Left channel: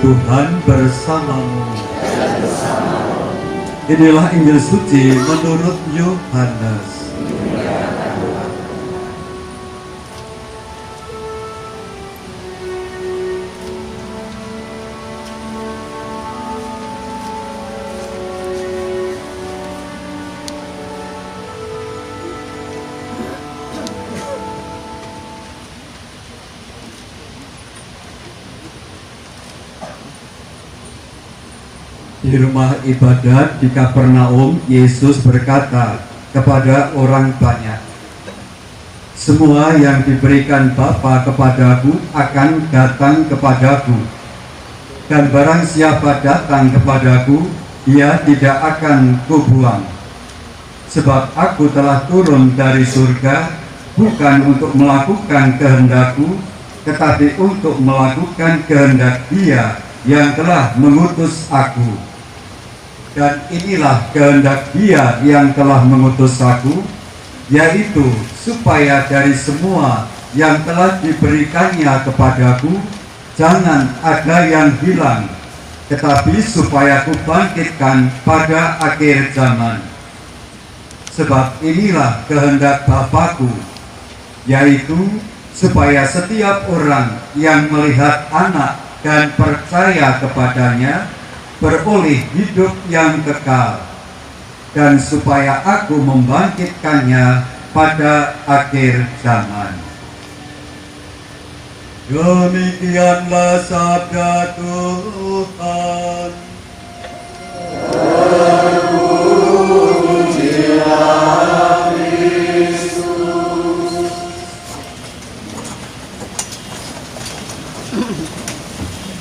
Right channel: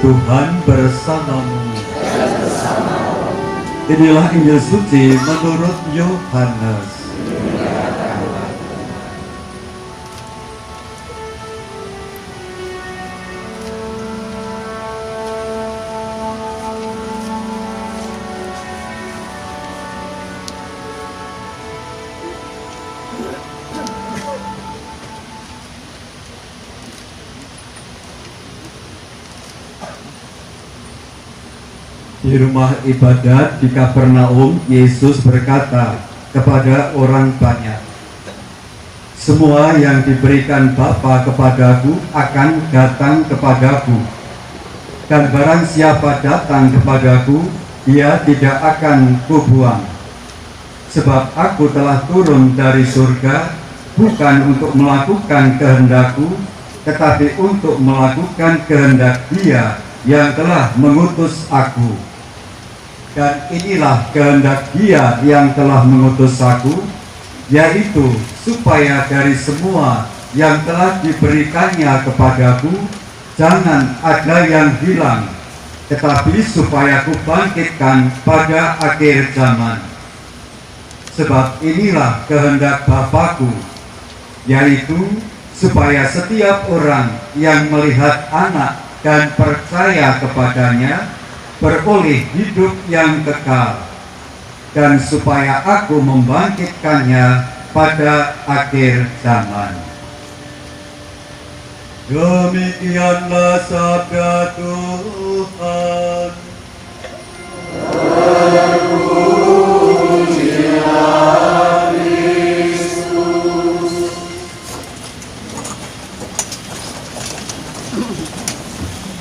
Tuhan bersamamu. Inilah Injil suci menurut Yohanes. Di rumah ibadat di Kapernaum, Yesus berkata kepada orang banyak, "Semua yang diberikan Bapa kepadaku akan datang kepadaku, dan barang siapa datang kepadaku, dia tidak akan kubuang. Sebab aku telah turun dari surga, bukan untuk melakukan kehendakku, tetapi untuk melakukan kehendak Dia yang telah mengutus aku. Dan inilah kehendak Dia yang telah mengutus aku, yaitu supaya dari semua yang telah diberikannya kepadaku, jangan ada yang hilang, tetapi supaya aku bangkitkan pada akhir zaman. Sebab inilah kehendak Bapa-Ku, yaitu supaya setiap orang yang melihat Anak dan percaya kepadanya beroleh hidup yang kekal, dan supaya aku membangkitkannya pada akhir zaman." Demikianlah sabda Tuhan. Terpujilah Kristus.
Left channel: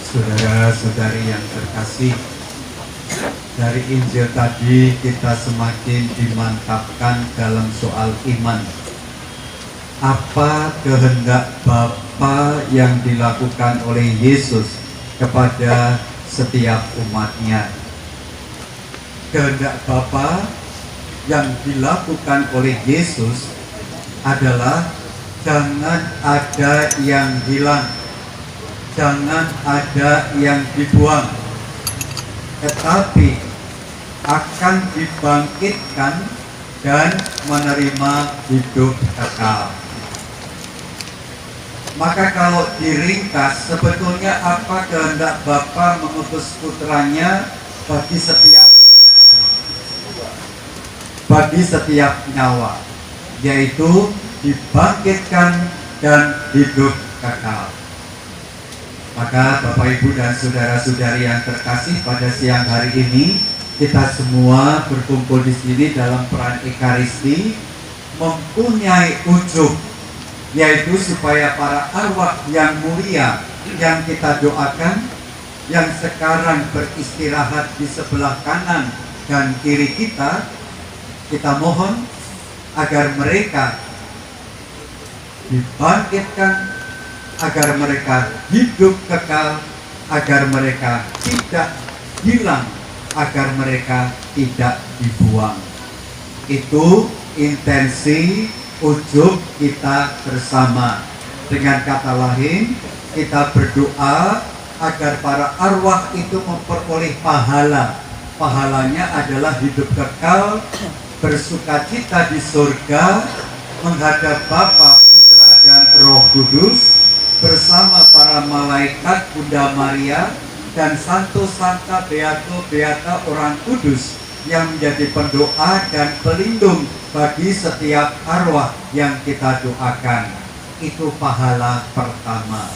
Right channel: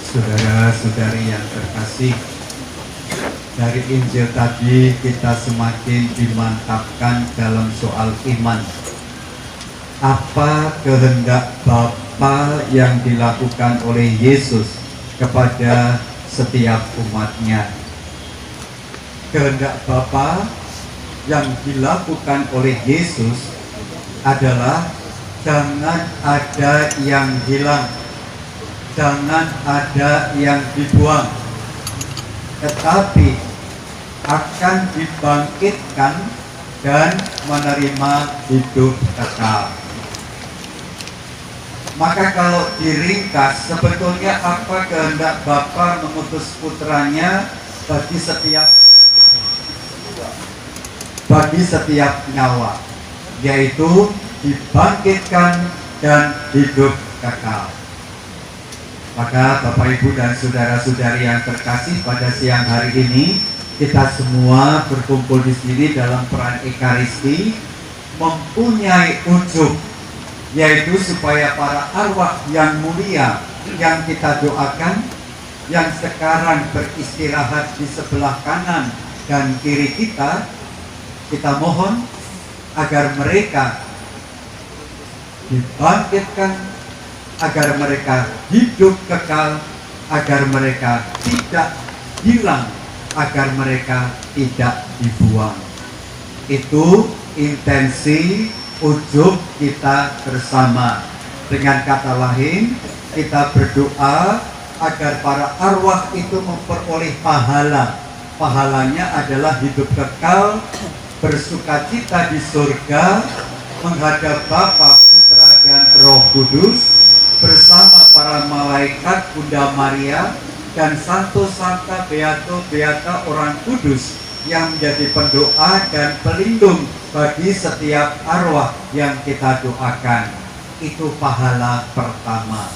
Saudara-saudari yang terkasih, dari Injil tadi kita semakin dimantapkan dalam soal iman. Apa kehendak Bapa yang dilakukan oleh Yesus kepada setiap umatnya? Kehendak Bapa yang dilakukan oleh Yesus adalah jangan ada yang hilang, jangan ada yang dibuang, tetapi akan dibangkitkan dan menerima hidup kekal. Maka kalau diringkas, sebetulnya apa kehendak Bapa mengutus putranya bagi setiap nyawa, yaitu dibangkitkan dan hidup kekal. Maka Bapak Ibu dan saudara-saudari yang terkasih, pada siang hari ini kita semua berkumpul di sini dalam peran Ekaristi mempunyai ujung, yaitu supaya para arwah yang mulia yang kita doakan, yang sekarang beristirahat di sebelah kanan dan kiri kita mohon agar mereka dibangkitkan, agar mereka hidup kekal, agar mereka tidak hilang, agar mereka tidak dibuang. Itu intensi ujub kita bersama. Dengan kata lain, kita berdoa agar para arwah itu memperoleh pahala. Pahalanya adalah hidup kekal, bersukacita di surga, menghadap Bapa, Putra, dan Roh Kudus, bersama para malaikat, Bunda Maria, dan Santo Santa Beato Beata orang kudus yang menjadi pendoa dan pelindung bagi setiap arwah yang kita doakan. Itu pahala pertama.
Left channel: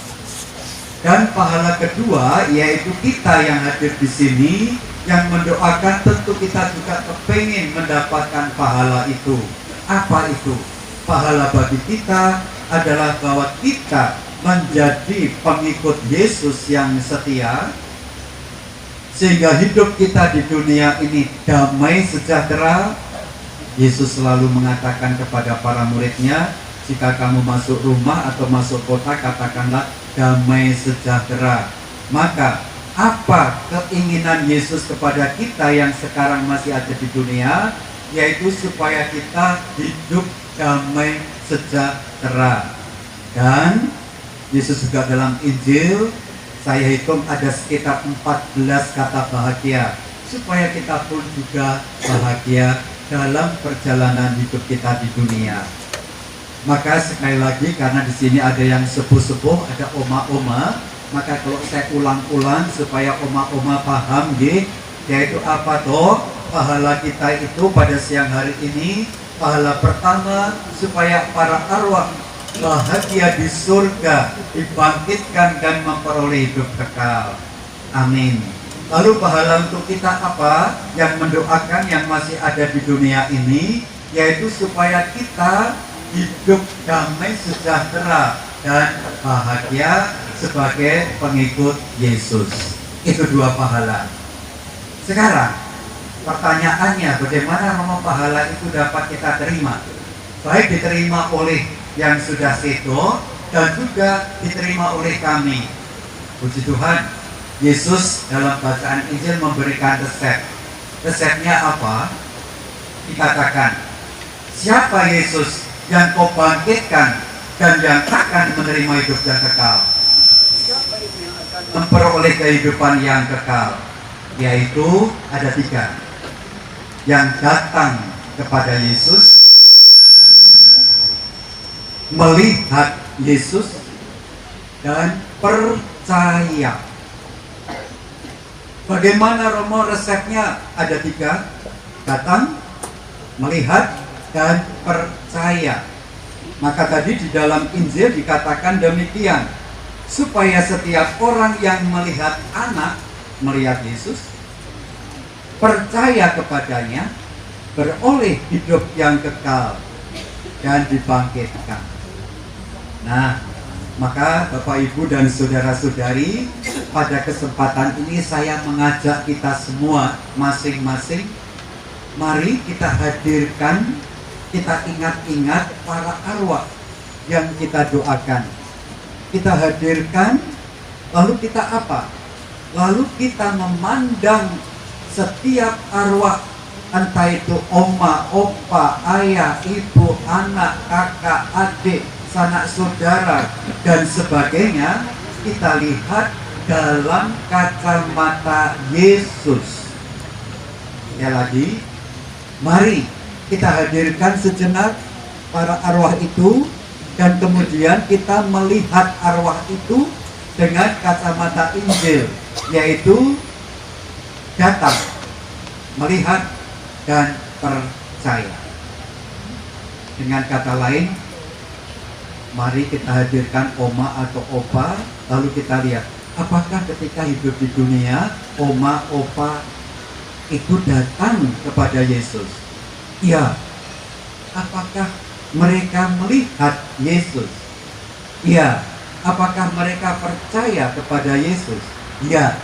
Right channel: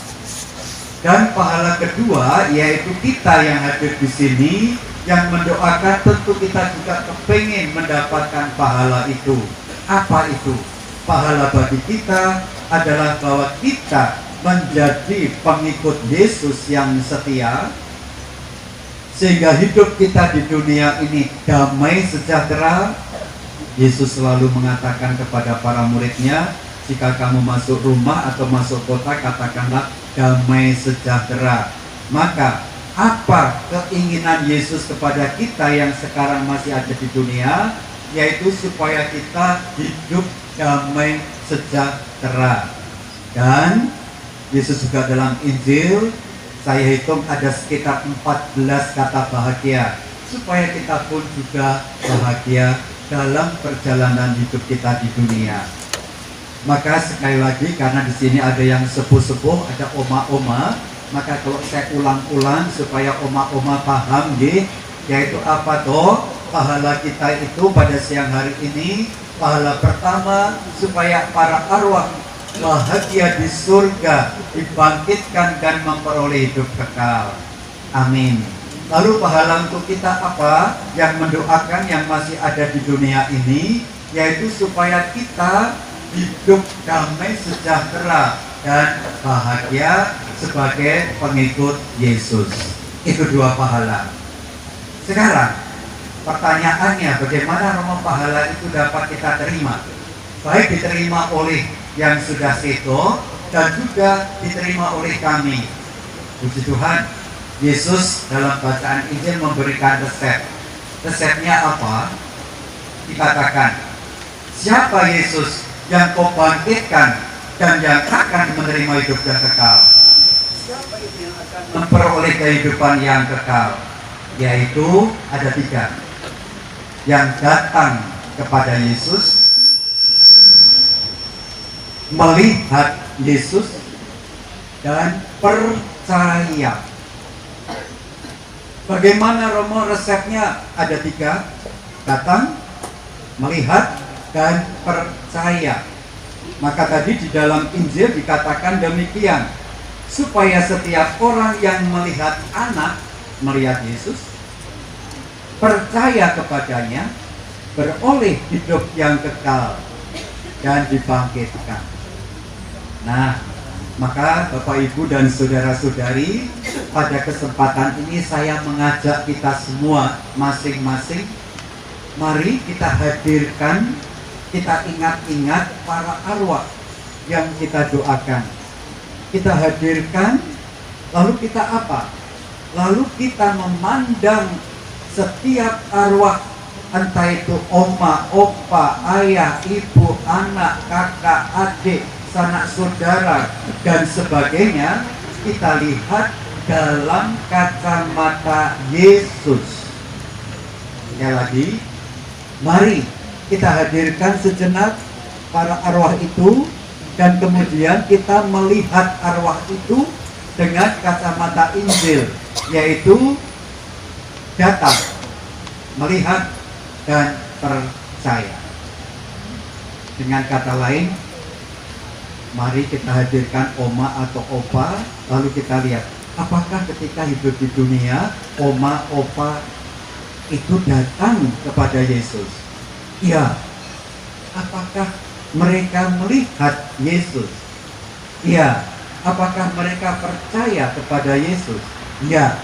Dan pahala kedua, yaitu kita yang hadir di sini yang mendoakan, tentu kita juga kepingin mendapatkan pahala itu. Apa itu? Pahala bagi kita adalah bahwa kita menjadi pengikut Yesus yang setia, sehingga hidup kita di dunia ini damai sejahtera. Yesus selalu mengatakan kepada para muridnya, jika kamu masuk rumah atau masuk kota, katakanlah damai sejahtera. Maka apa keinginan Yesus kepada kita yang sekarang masih ada di dunia? Yaitu supaya kita hidup damai sejahtera. Dan Yesus juga dalam Injil Saya hitung ada sekitar 14 kata bahagia, supaya kita pun juga bahagia dalam perjalanan hidup kita di dunia. Maka sekali lagi, karena di sini ada yang sepuh-sepuh, ada oma-oma, maka kalau saya ulang-ulang supaya oma-oma paham, yaitu apa toh? Pahala kita itu pada siang hari ini, pahala pertama supaya para arwah bahagia di surga, dibangkitkan dan memperoleh hidup kekal. Amin. Lalu pahala untuk kita apa? Yang mendoakan yang masih ada di dunia ini, yaitu supaya kita hidup damai sejahtera dan bahagia sebagai pengikut Yesus. Itu dua pahala. Sekarang pertanyaannya, bagaimana Roma pahala itu dapat kita terima? Baik diterima oleh yang sudah seto dan juga diterima oleh kami. Puji Tuhan, Yesus dalam bacaan Injil memberikan resep. Resepnya apa? Dikatakan, siapa Yesus yang kau bangkitkan dan yang akan menerima hidup yang kekal? Siapa itu yang akan memperoleh kehidupan yang kekal? Yaitu ada 3. Yang datang kepada Yesus, melihat Yesus, dan percaya. Bagaimana Romo resepnya? Ada 3. Datang, melihat, dan percaya. Maka tadi di dalam Injil dikatakan demikian, supaya setiap orang yang melihat anak, melihat Yesus, percaya kepadanya, beroleh hidup yang kekal dan dibangkitkan. Nah, maka Bapak Ibu dan saudara-saudari, pada kesempatan ini saya mengajak kita semua masing-masing, mari kita hadirkan, kita ingat-ingat para arwah yang kita doakan. Kita hadirkan, lalu kita apa? Lalu kita memandang setiap arwah, entah itu oma, opa, ayah, ibu, anak, kakak, adik, sanak saudara, dan sebagainya, kita lihat dalam kacamata Yesus. Sekali lagi, mari kita hadirkan sejenak para arwah itu, dan kemudian kita melihat arwah itu dengan kacamata Injil, yaitu datang, melihat, dan percaya. Dengan kata lain, mari kita hadirkan oma atau opa, lalu kita lihat apakah ketika hidup di dunia oma, opa itu datang kepada Yesus. Iya. Apakah mereka melihat Yesus? Iya. Apakah mereka percaya kepada Yesus? Iya.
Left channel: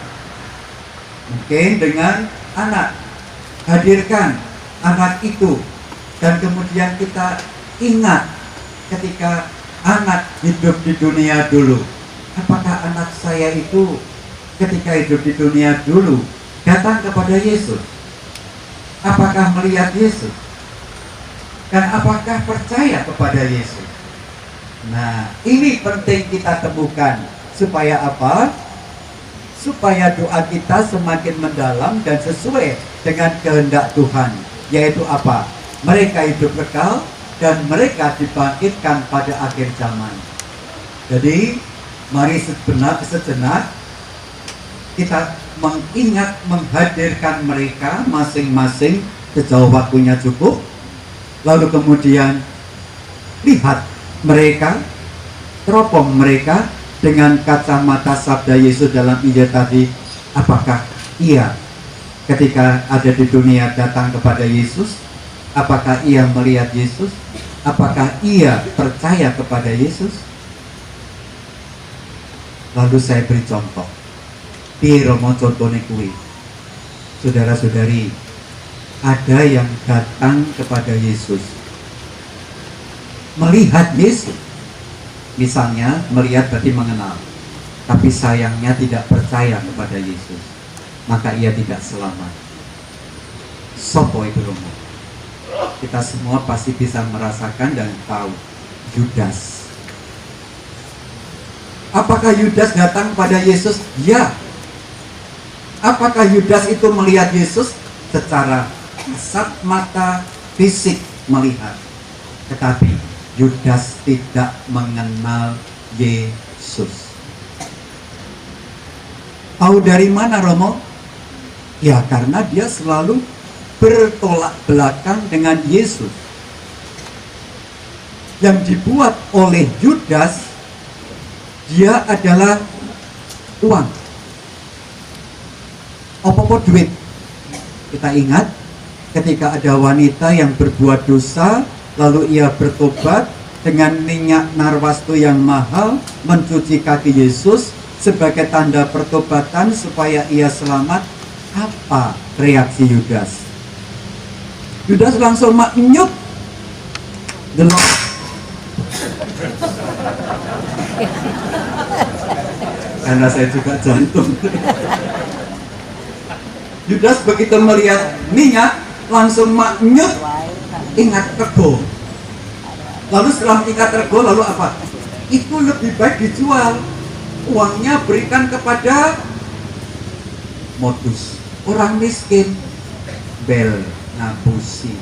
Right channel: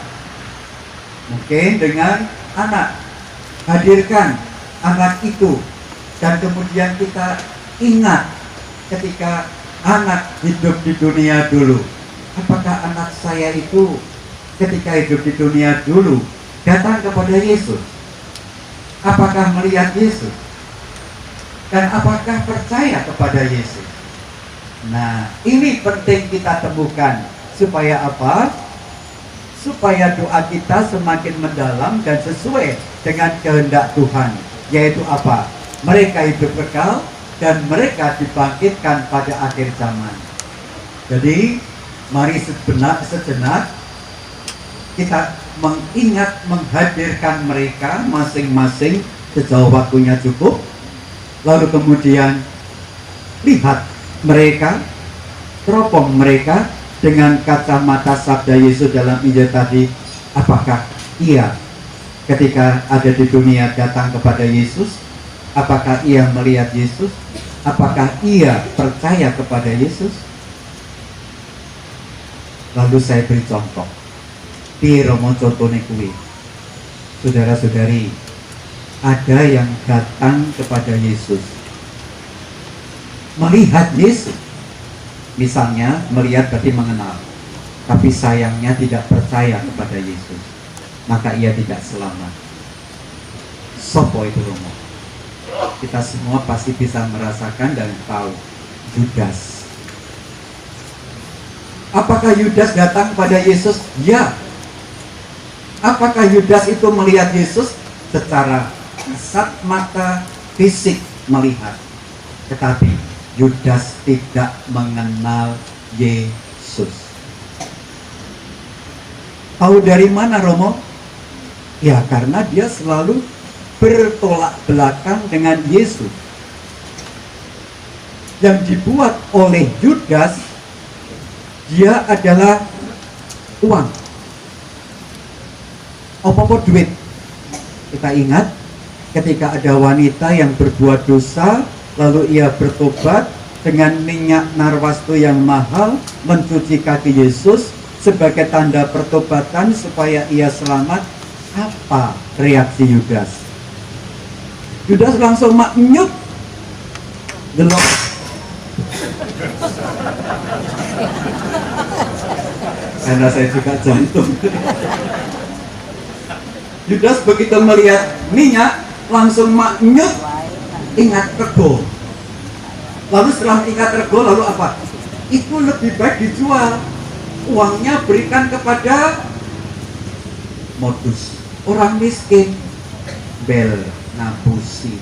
Mungkin dengan anak, hadirkan anak itu, dan kemudian kita ingat ketika anak hidup di dunia dulu. Apakah anak saya itu ketika hidup di dunia dulu datang kepada Yesus? Apakah melihat Yesus? Dan apakah percaya kepada Yesus? Nah, ini penting kita temukan. Supaya apa? Supaya doa kita semakin mendalam dan sesuai dengan kehendak Tuhan. Yaitu apa? Mereka hidup kekal dan mereka dibangkitkan pada akhir zaman. Jadi, mari sejenak kita mengingat, menghadirkan mereka masing-masing sejauh waktunya cukup. Lalu kemudian lihat mereka, teropong mereka dengan kacamata sabda Yesus dalam Injil tadi. Apakah ia ketika ada di dunia datang kepada Yesus? Apakah ia melihat Yesus? Apakah ia percaya kepada Yesus? Lalu saya beri contoh. Di Romo contohnya kuwi, saudara-saudari, ada yang datang kepada Yesus, melihat Yesus. Misalnya, melihat berarti mengenal, tapi sayangnya tidak percaya kepada Yesus, maka ia tidak selamat. Sopo itu Romo? Kita semua pasti bisa merasakan dan tahu, Judas. Apakah Yudas datang kepada Yesus? Ya. Apakah Yudas itu melihat Yesus? Secara kasat mata fisik melihat. Tetapi Yudas tidak mengenal Yesus. Tahu dari mana, Romo? Ya, karena dia selalu bertolak belakang dengan Yesus. Yang dibuat oleh Yudas, dia adalah uang. Apa-apa duit. Kita ingat ketika ada wanita yang berbuat dosa, lalu ia bertobat dengan minyak narwastu yang mahal, mencuci kaki Yesus sebagai tanda pertobatan supaya ia selamat. Apa reaksi Yudas? Yudas langsung maknyut. Delok. Karena saya juga jantung. Yudas begitu melihat minyak langsung maknyut, ingat rego. Lalu setelah ingat rego, lalu apa? Itu lebih baik dijual. Uangnya berikan kepada modus orang miskin. Bel ngapusi.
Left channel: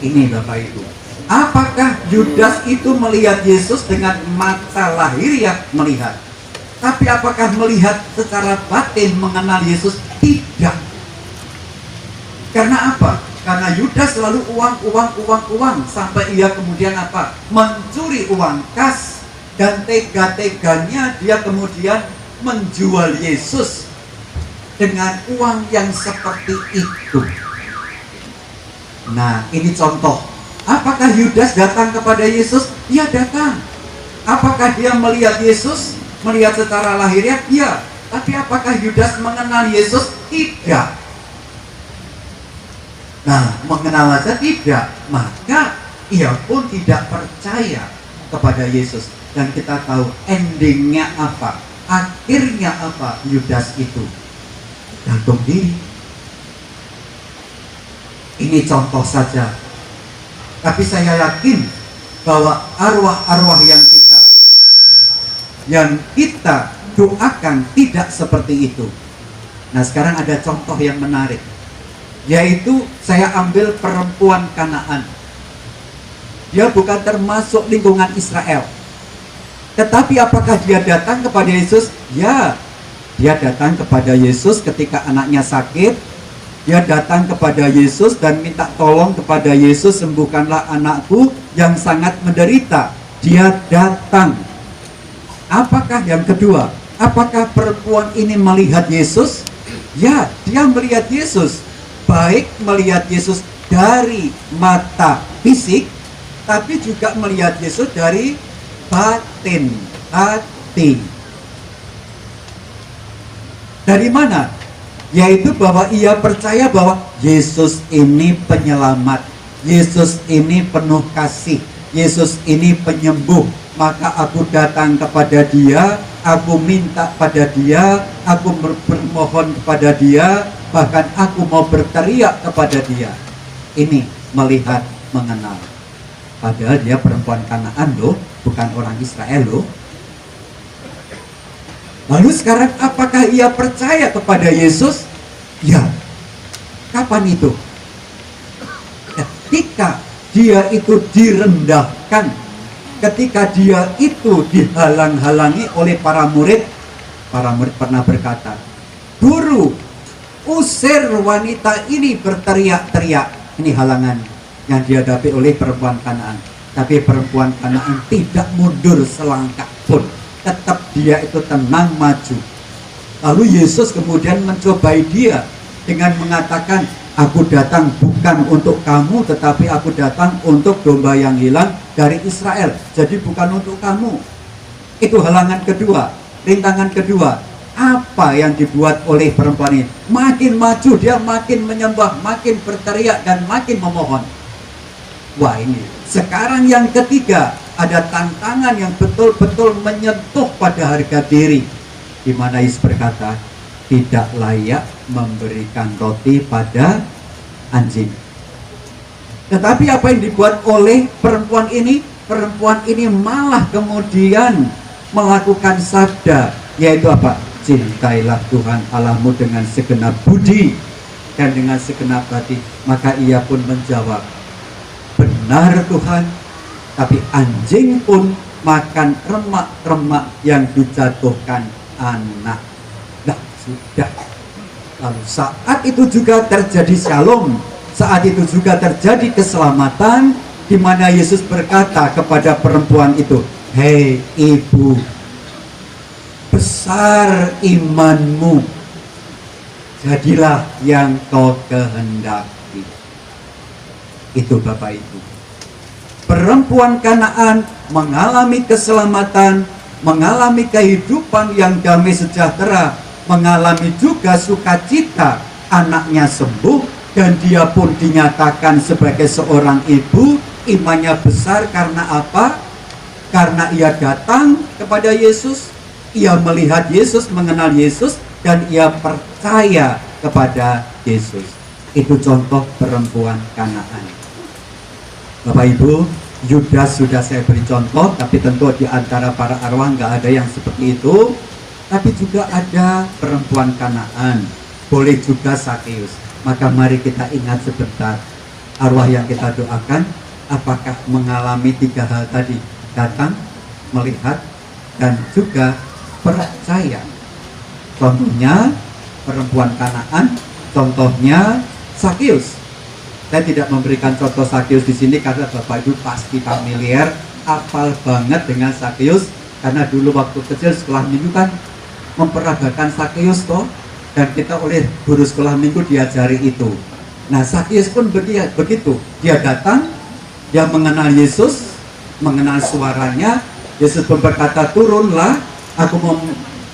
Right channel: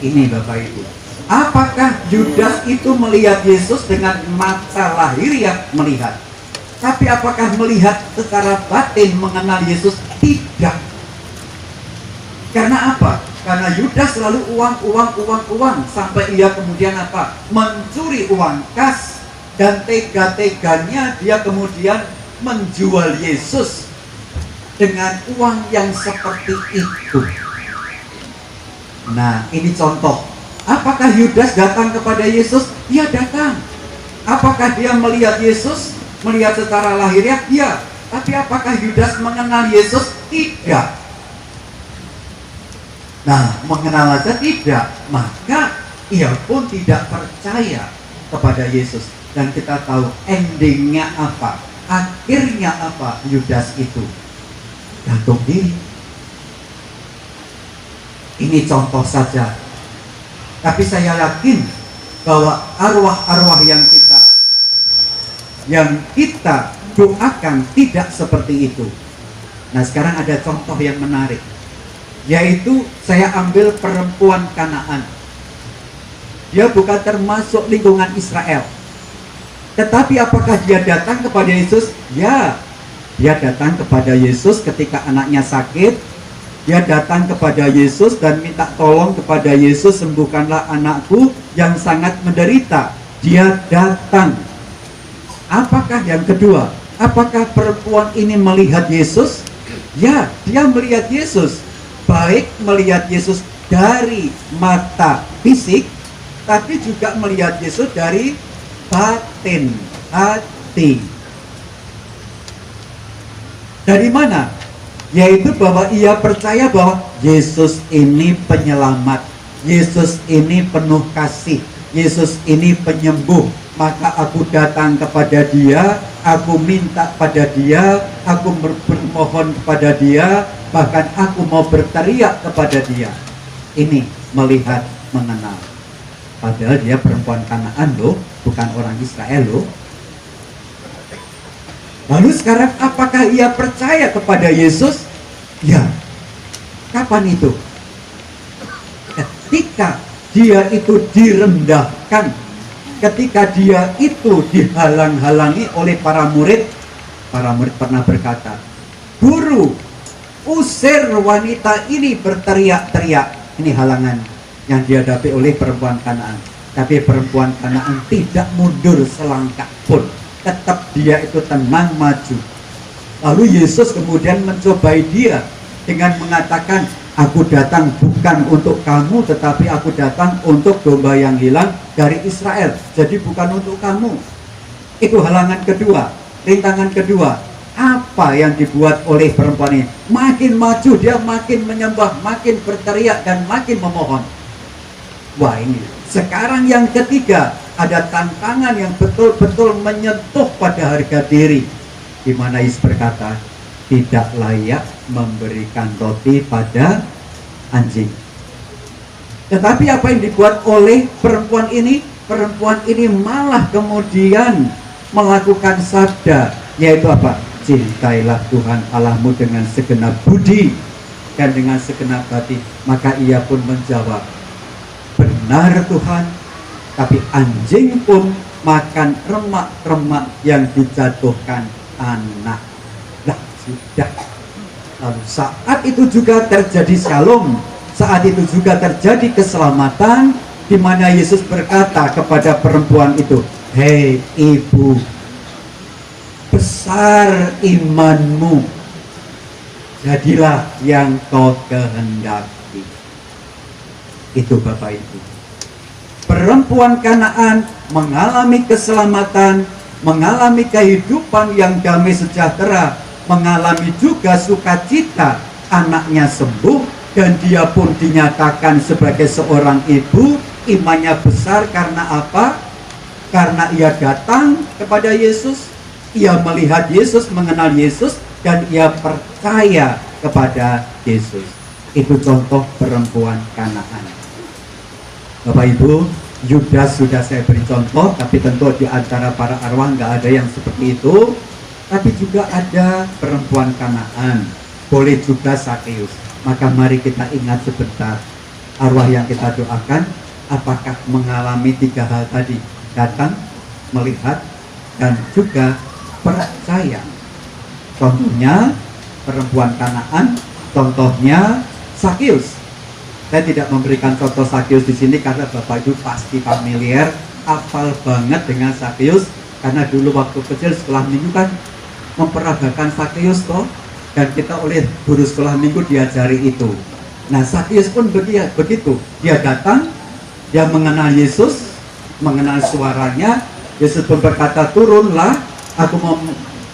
Ini Bapak Ibu. Apakah Yudas itu melihat Yesus dengan mata lahiriah melihat? Tapi apakah melihat secara batin mengenal Yesus? Tidak. Karena apa? Karena Yudas selalu uang sampai ia kemudian apa? Mencuri uang kas, dan tega-teganya dia kemudian menjual Yesus dengan uang yang seperti itu. Nah, ini contoh. Apakah Yudas datang kepada Yesus? Dia datang. Apakah dia melihat Yesus? Melihat secara lahiriah? Ya. Tapi apakah Yudas mengenal Yesus? Tidak. Nah, mengenal saja tidak, maka ia pun tidak percaya kepada Yesus. Dan kita tahu endingnya apa, akhirnya apa Yudas itu? Gantung diri. Ini contoh saja. Tapi saya yakin bahwa arwah-arwah yang kita doakan tidak seperti itu. Nah, sekarang ada contoh yang menarik, yaitu saya ambil perempuan Kanaan. Dia bukan termasuk lingkungan Israel. Tetapi apakah dia datang kepada Yesus? Ya, dia datang kepada Yesus ketika anaknya sakit. Dia datang kepada Yesus dan minta tolong kepada Yesus, sembuhkanlah anakku yang sangat menderita. Dia datang. Apakah yang kedua? Apakah perempuan ini melihat Yesus? Ya, dia melihat Yesus. Baik melihat Yesus dari mata fisik, tapi juga melihat Yesus dari batin, hati. Dari mana? Yaitu bahwa ia percaya bahwa Yesus ini penyelamat, Yesus ini penuh kasih, Yesus ini penyembuh. Maka aku datang kepada dia, aku minta pada dia, aku bermohon kepada dia, bahkan aku mau berteriak kepada dia. Ini melihat, mengenal. Padahal dia perempuan Kanaan loh, bukan orang Israel loh. Lalu sekarang apakah ia percaya kepada Yesus? Ya. Kapan itu? Ketika dia itu direndahkan, ketika dia itu dihalang-halangi oleh para murid pernah berkata, "Guru, usir wanita ini," berteriak-teriak. Ini halangan yang dihadapi oleh perempuan Kanaan. Tapi perempuan Kanaan tidak mundur selangkah pun. Tetap dia itu tenang maju. Lalu Yesus kemudian mencobai dia dengan mengatakan, "Aku datang bukan untuk kamu, tetapi aku datang untuk domba yang hilang dari Israel." Jadi bukan untuk kamu. Itu halangan kedua, rintangan kedua. Apa yang dibuat oleh perempuan ini? Makin maju dia, makin menyembah, makin berteriak, dan makin memohon. Wah, ini sekarang yang ketiga, ada tantangan yang betul-betul menyentuh pada harga diri, di mana Yesus berkata, tidak layak memberikan roti pada anjing. Tetapi apa yang dibuat oleh perempuan ini? perempuan ini malah kemudian melakukan sabda, yaitu apa? Cintailah Tuhan Allahmu dengan segenap budi dan dengan segenap hati. Maka ia pun menjawab, benar Tuhan, tapi anjing pun makan remak-remak yang dijatuhkan anak. Nah, sudah. Lalu saat itu juga terjadi shalom, saat itu juga terjadi keselamatan, di mana Yesus berkata kepada perempuan itu, hei ibu, besar imanmu, jadilah yang kau kehendaki. Itu Bapak Ibu. Perempuan Kanaan mengalami keselamatan, mengalami kehidupan yang damai sejahtera, mengalami juga sukacita, anaknya sembuh, dan dia pun dinyatakan sebagai seorang ibu. Imannya besar karena apa? Karena ia datang kepada Yesus, ia melihat Yesus, mengenal Yesus, dan ia percaya kepada Yesus. Itu contoh perempuan Kanaan. Bapak Ibu, Yudas sudah saya beri contoh, tapi tentu di antara para arwah nggak ada yang seperti itu. Tapi juga ada perempuan Kanaan, boleh juga Sakeus. Maka mari kita ingat sebentar, arwah yang kita doakan apakah mengalami 3 hal tadi? Datang, melihat, dan juga percaya. Contohnya perempuan Kanaan, contohnya Sakeus. Saya tidak memberikan contoh Sakeus di sini karena Bapak Ibu pasti familiar, hafal banget dengan Sakeus, karena dulu waktu kecil sekolah minggu kan memperagakan Sakeus toh, dan kita oleh guru sekolah minggu diajari itu. Nah, Sakeus pun begitu, dia datang, dia mengenal Yesus, mengenal suaranya. Yesus pun berkata, turunlah, aku mau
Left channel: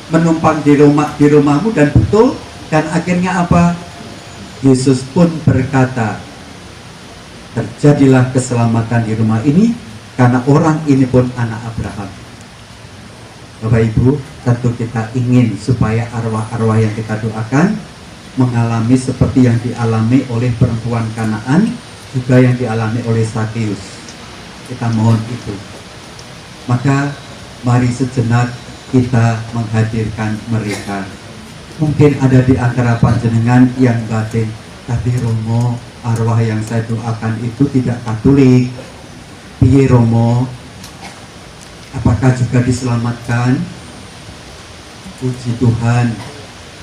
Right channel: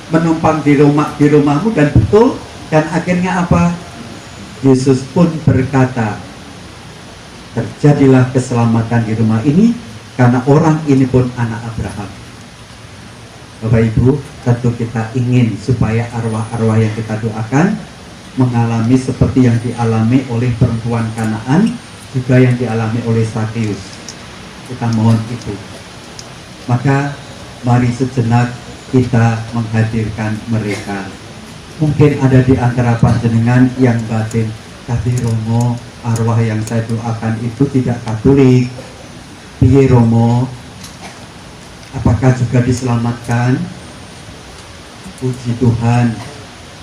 menumpang di rumahmu, dan betul. Dan akhirnya apa? Yesus pun berkata, terjadilah keselamatan di rumah ini karena orang ini pun anak Abraham. Bapak Ibu, tentu kita ingin supaya arwah-arwah yang kita doakan mengalami seperti yang dialami oleh perempuan Kanaan, juga yang dialami oleh Sakeus. Kita mohon itu. Maka mari sejenak kita menghadirkan mereka. Mungkin ada di antara panjenengan yang batin, tapi Romo, arwah yang saya doakan itu tidak Katolik. Piye Romo? Apakah juga diselamatkan? Puji Tuhan,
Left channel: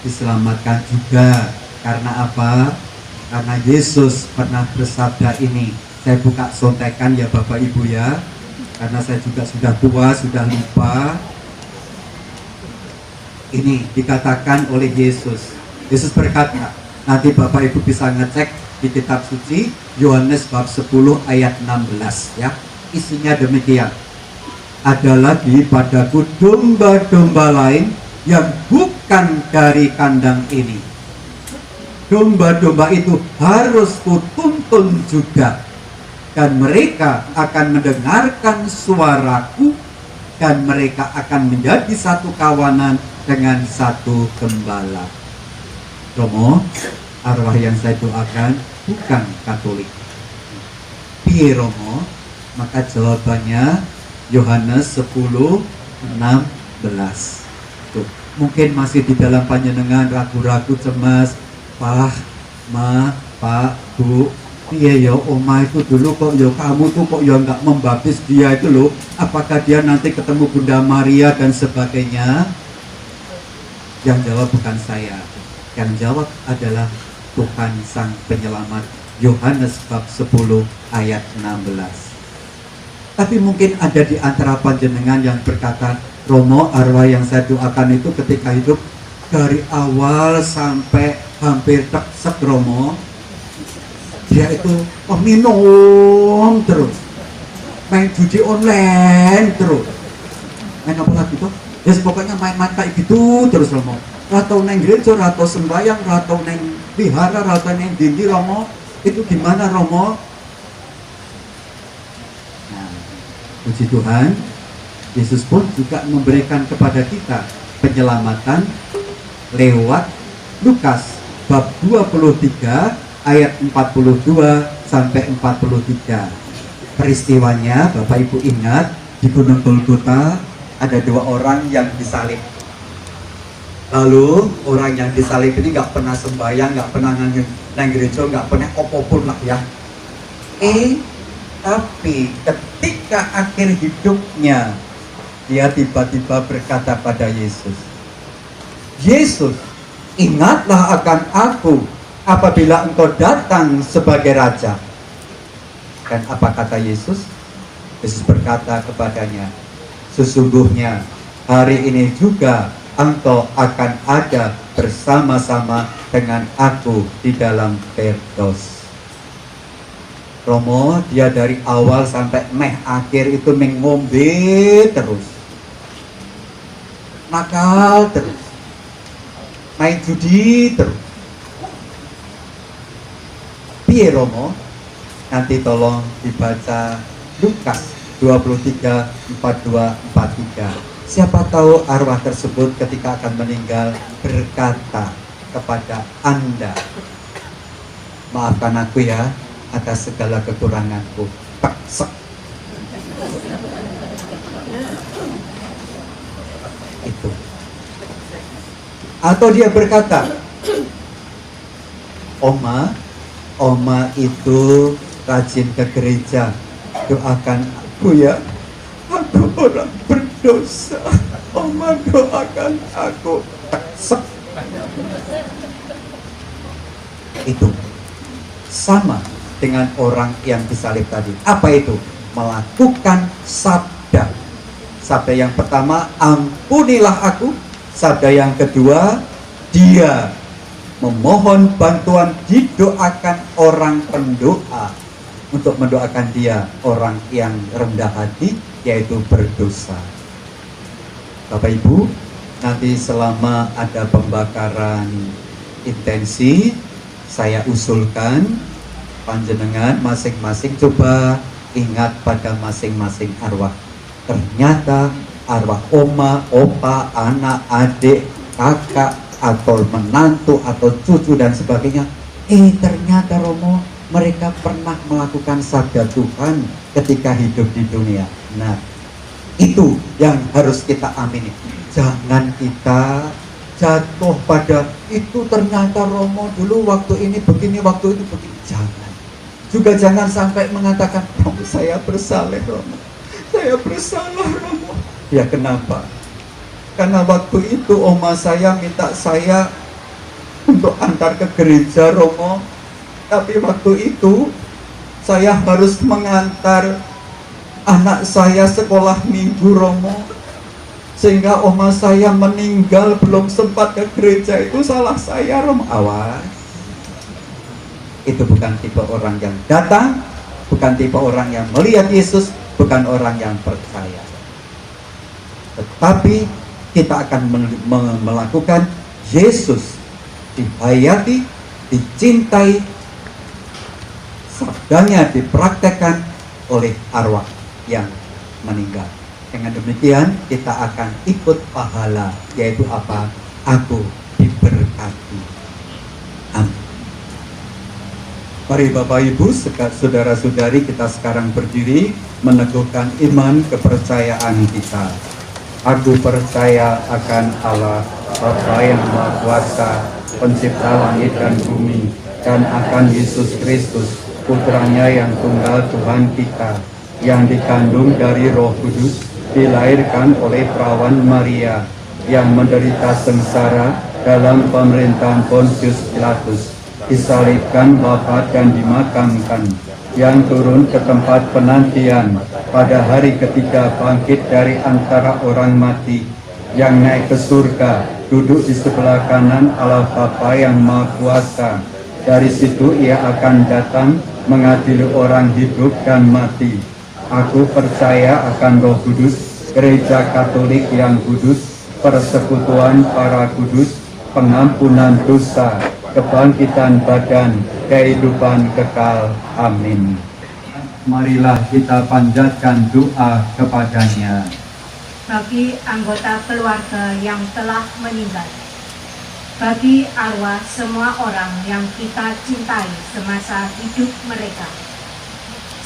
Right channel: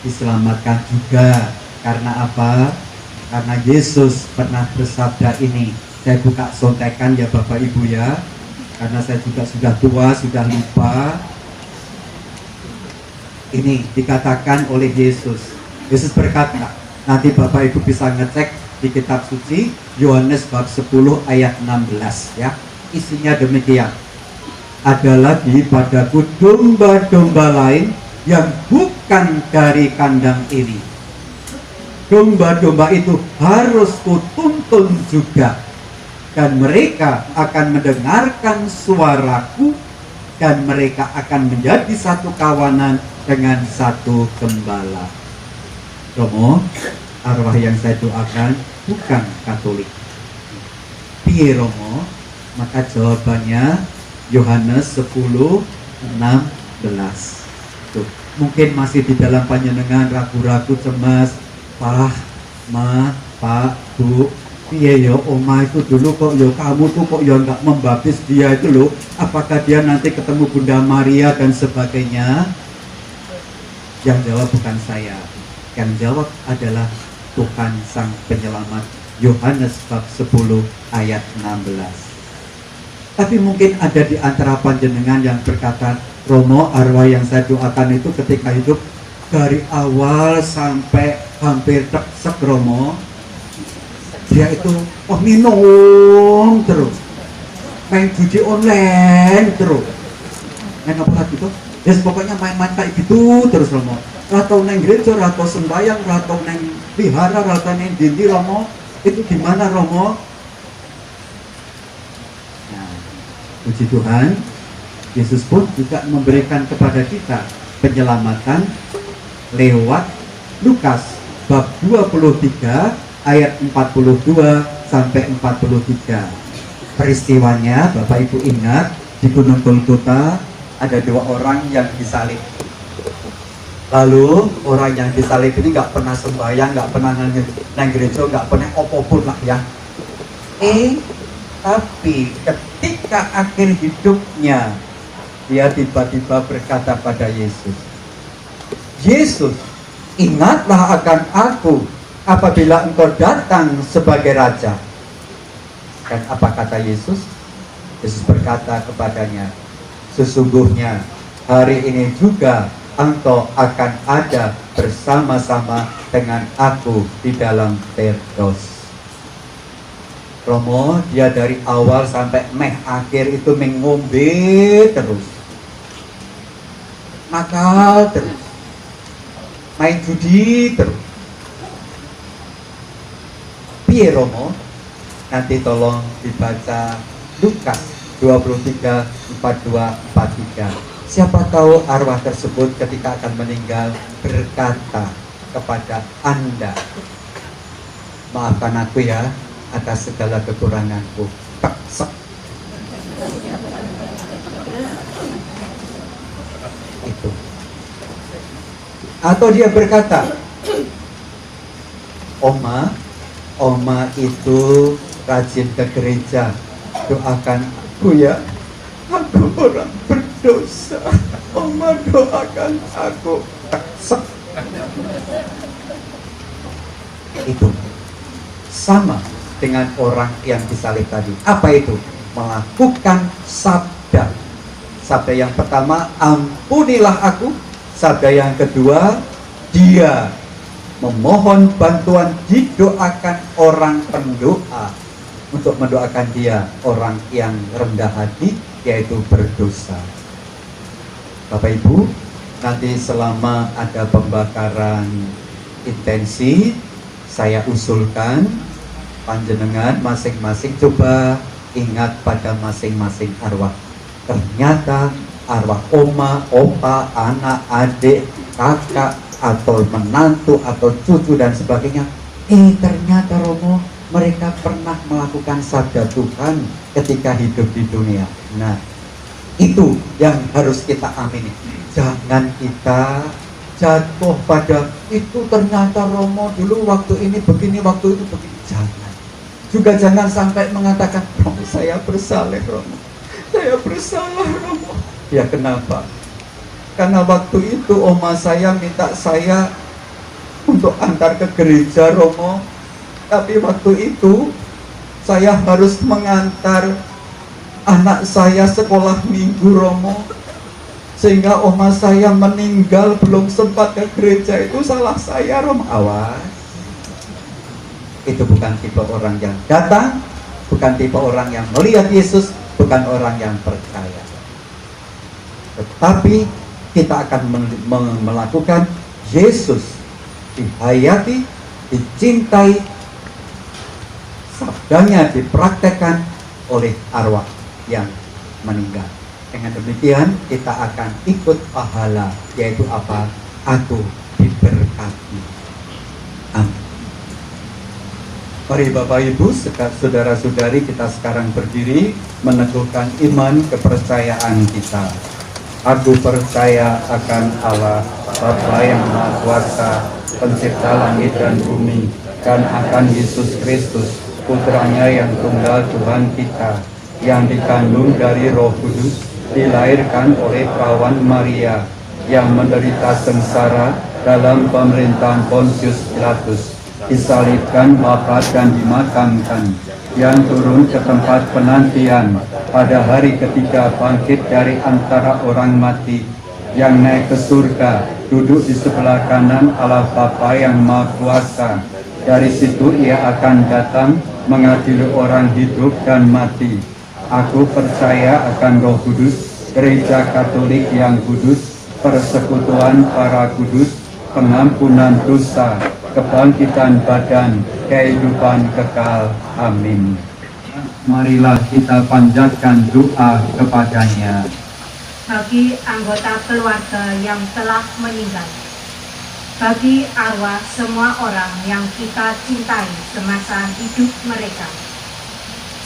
diselamatkan juga. Karena apa? Karena Yesus pernah bersabda ini. Saya buka sontekan ya Bapak Ibu ya, karena saya juga sudah tua, sudah lupa. Ini dikatakan oleh Yesus. Yesus berkata, nanti Bapak Ibu bisa ngecek di kitab suci Yohanes bab 10 ayat 16 ya. Isinya demikian. Ada lagi padaku domba-domba lain yang bukan dari kandang ini. Domba-domba itu harus kutuntun juga, dan mereka akan mendengarkan suaraku, dan mereka akan menjadi satu kawanan dengan satu gembala. Romo, arwah yang saya doakan bukan Katolik. Piye Romo? Maka jawabannya Yohanes 10:16. Tuh, mungkin masih di dalam panjenengan ragu-ragu, cemas, Pak, Ma, Pak, Bu, piye ya oma itu dulu kok ya kamu tuh kok ya nggak membaptis dia itu loh, apakah dia nanti ketemu Bunda Maria dan sebagainya? Yang jawab bukan saya, yang jawab adalah Tuhan Sang Penyelamat. Yohanes bab 10 ayat 16. Tapi mungkin ada di antara panjenengan yang berkata, Romo, arwah yang saya doakan itu ketika hidup dari awal sampai hampir teksek Romo, dia itu minum terus, main judi online terus, main apa lagi tuh? Ya pokoknya main kayak gitu terus Romo. Atau neng gereja, atau sembahyang, atau neng wihara, atau neng dindi Romo. Itu gimana Romo? Nah, puji Tuhan, Yesus pun juga memberikan kepada kita penyelamatan lewat Lukas bab 23 ayat 42 sampai 43. peristiwanya Bapak Ibu ingat di Gunung Golgota ada 2 orang yang disalib. Lalu orang yang disalib ini nggak pernah sembahyang, nggak pernah nang gereja, nggak pernah opopun lah ya. Tapi ketika akhir hidupnya dia tiba-tiba berkata pada Yesus, Yesus, ingatlah akan aku apabila engkau datang sebagai Raja. Dan apa kata Yesus? Yesus berkata kepadanya, sesungguhnya hari ini juga engkau akan ada bersama-sama dengan aku di dalam Firdaus. Romo, dia dari awal sampai akhir itu mengombe terus, nakal terus, main judi terus. Piye Romo? Nanti tolong dibaca Lukas 23, 42, 43. Siapa tahu arwah tersebut ketika akan meninggal berkata kepada Anda, maafkan aku ya atas segala kekuranganku. Teksek. Itu. Atau dia berkata, Oma itu rajin ke gereja, doakan aku ya, aku orang berdosa. Oma doakan aku. Teksek. Itu sama dengan orang yang disalib tadi. Apa itu? Melakukan sabda. Sabda yang pertama, ampunilah aku. Sabda yang kedua, dia memohon bantuan, didoakan orang pendoa untuk mendoakan dia, orang yang rendah hati, yaitu berdosa. Bapak Ibu, nanti selama ada pembakaran intensi, saya usulkan panjenengan masing-masing coba ingat pada masing-masing arwah. Ternyata arwah oma, opa, anak, adik, kakak, atau menantu, atau cucu dan sebagainya. Ternyata Romo, mereka pernah melakukan sabda Tuhan ketika hidup di dunia. Nah, itu yang harus kita amini. Jangan kita jatuh pada itu, ternyata Romo dulu waktu ini begini, waktu itu begini. Jangan. Juga jangan sampai mengatakan, saya bersalah Romo, saya bersalah Romo. Ya kenapa? Karena waktu itu oma saya minta saya untuk antar ke gereja Romo, tapi waktu itu saya harus mengantar anak saya sekolah minggu Romo, sehingga oma saya meninggal belum sempat ke gereja. Itu salah saya Romo. Awas, itu bukan tipe orang yang datang, bukan tipe orang yang melihat Yesus, bukan orang yang percaya. Tetapi kita akan melakukan Yesus dihayati, dicintai, sabdanya dipraktekkan oleh arwah yang meninggal. Dengan demikian kita akan ikut pahala, yaitu apa? Aku diberkati. Amin. Mari Bapak Ibu, saudara-saudari, kita sekarang berdiri meneguhkan iman kepercayaan kita. Aku percaya akan Allah, Bapa yang Maha Kuasa, Pencipta langit dan bumi, dan akan Yesus Kristus, Putranya yang tunggal Tuhan kita, yang dikandung dari Roh Kudus, dilahirkan oleh perawan Maria, yang menderita sengsara dalam pemerintahan Pontius Pilatus, disalibkan, wafat dan dimakamkan, yang turun ke tempat penantian, pada hari ketiga bangkit dari antara orang mati, yang naik ke surga, duduk di sebelah kanan Allah Bapa yang Maha Kuasa. Dari situ ia akan datang mengadili orang hidup dan mati. Aku percaya akan Roh Kudus, Gereja Katolik yang kudus, persekutuan para kudus, pengampunan dosa, kebangkitan badan, kehidupan kekal. Amin. Marilah kita panjatkan doa kepadanya. Bagi anggota keluarga yang telah meninggal, bagi arwah semua orang yang kita cintai semasa hidup mereka,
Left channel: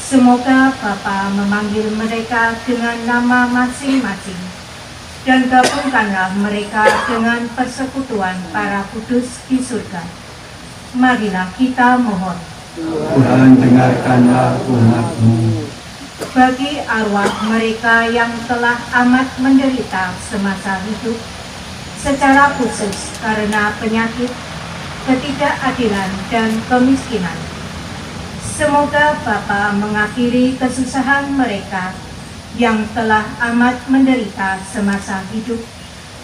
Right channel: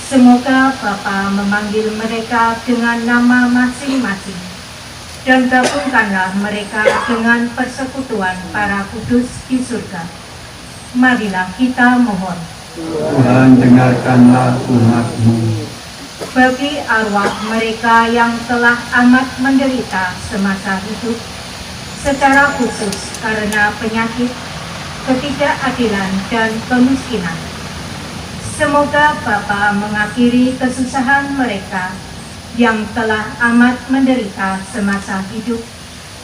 Semoga Bapa memanggil mereka dengan nama masing-masing, dan gabungkanlah mereka dengan persekutuan para kudus di surga. Marilah kita mohon. Tuhan, dengarkanlah umat-Mu. Bagi arwah mereka yang telah amat menderita semasa hidup, secara khusus karena penyakit, ketidakadilan, dan kemiskinan, semoga Bapa mengakhiri kesusahan mereka yang telah amat menderita semasa hidup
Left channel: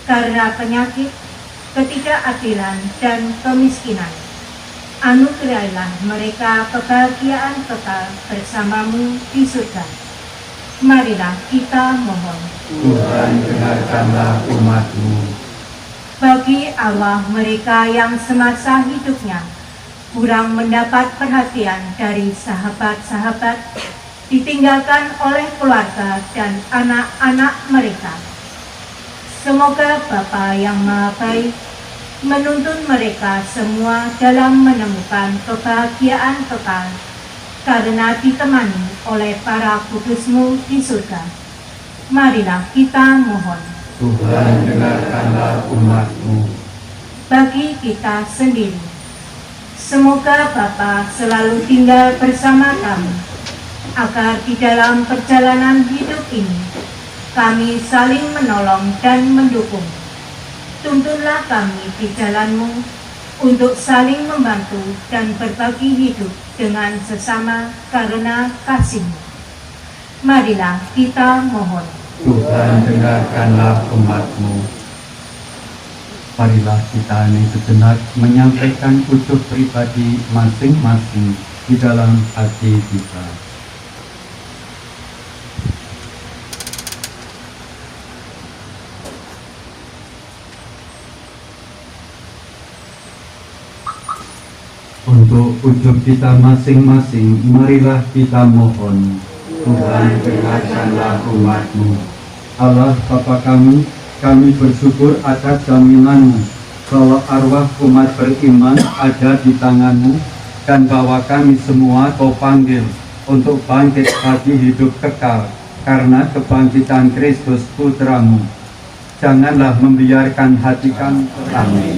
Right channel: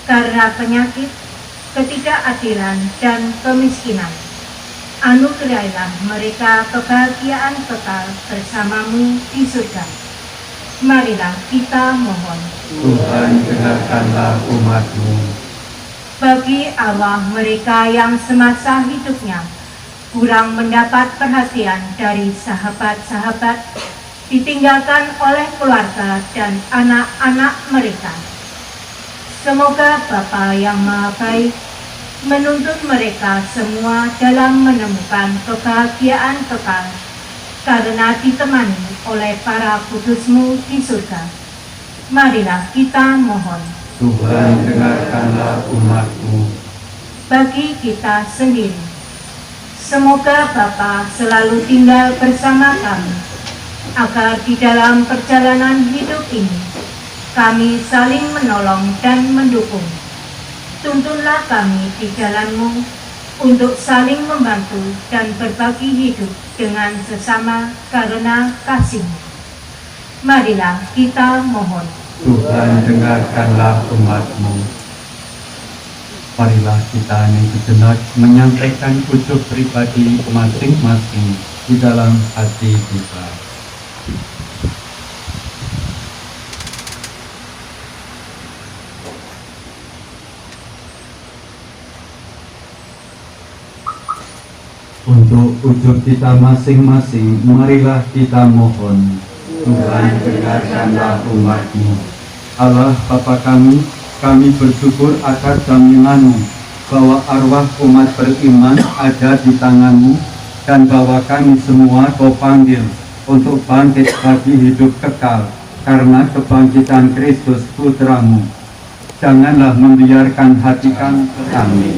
karena penyakit, ketidakadilan, dan kemiskinan. Anugerahilah mereka kebahagiaan kekal bersama-Mu di surga. Marilah kita mohon. Tuhan, dengarkanlah umat-Mu. Bagi arwah mereka yang semasa hidupnya kurang mendapat perhatian dari sahabat-sahabat, ditinggalkan oleh keluarga dan anak-anak mereka, semoga Bapa yang Maha Baik menuntun mereka semua dalam menemukan kebahagiaan kekal karena ditemani oleh para kudus-Mu di surga. Marilah kita mohon. Tuhan, dengarkanlah umat-Mu. Bagi kita sendiri, semoga Bapa selalu tinggal bersama kami, agar di dalam perjalanan hidup ini kami saling menolong dan mendukung. Tuntunlah kami di jalan-Mu untuk saling membantu dan berbagi hidup dengan sesama karena kasih-Mu. Marilah kita mohon. Tuhan, dengarkanlah umat-Mu. Marilah kita ini sejenak menyampaikan ucap pribadi masing-masing di dalam hati kita. Untuk ucap kita masing-masing, marilah kita mohon. Tuhan, dengarkanlah umat-Mu. Allah Bapa kami bersyukur atas jaminan-Mu bahwa arwah umat beriman ada di tangan-Mu, dan bahwa kami semua Kau panggil untuk bangkit bagi hidup kekal karena kebangkitan Kristus Putra-Mu. Janganlah membiarkan hati kami terami.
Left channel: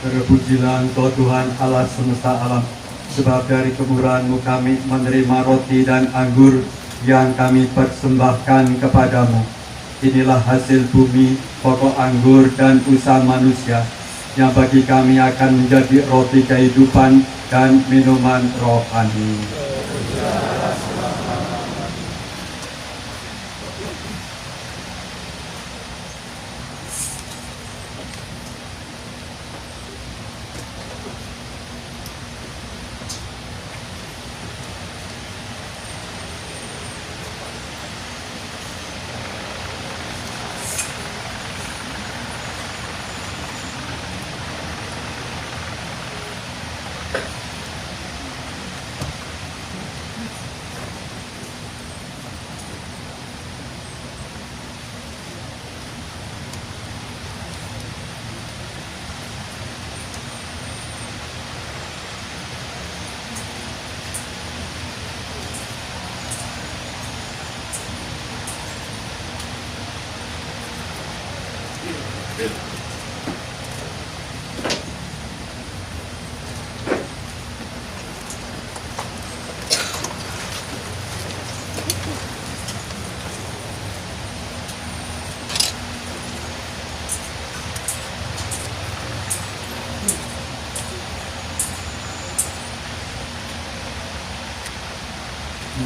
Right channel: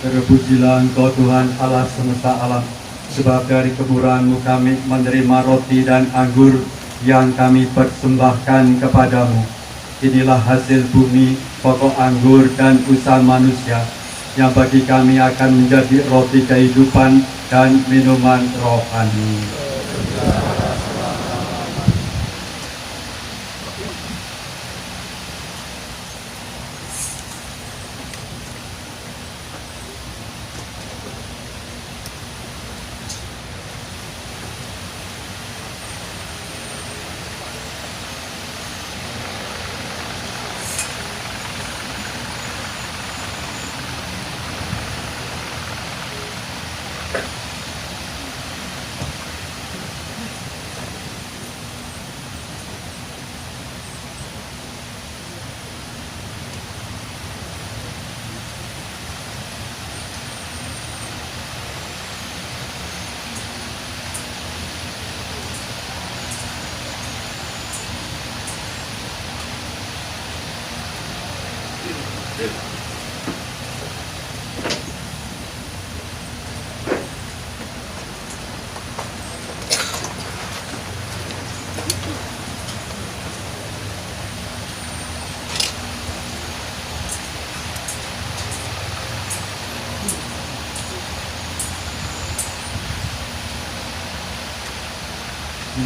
Terpujilah Engkau Tuhan Allah semesta alam, sebab dari kemurahan-Mu kami menerima roti dan anggur yang kami persembahkan kepadamu. Inilah hasil bumi, pokok anggur dan usaha manusia, yang bagi kami akan menjadi roti kehidupan dan minuman rohani.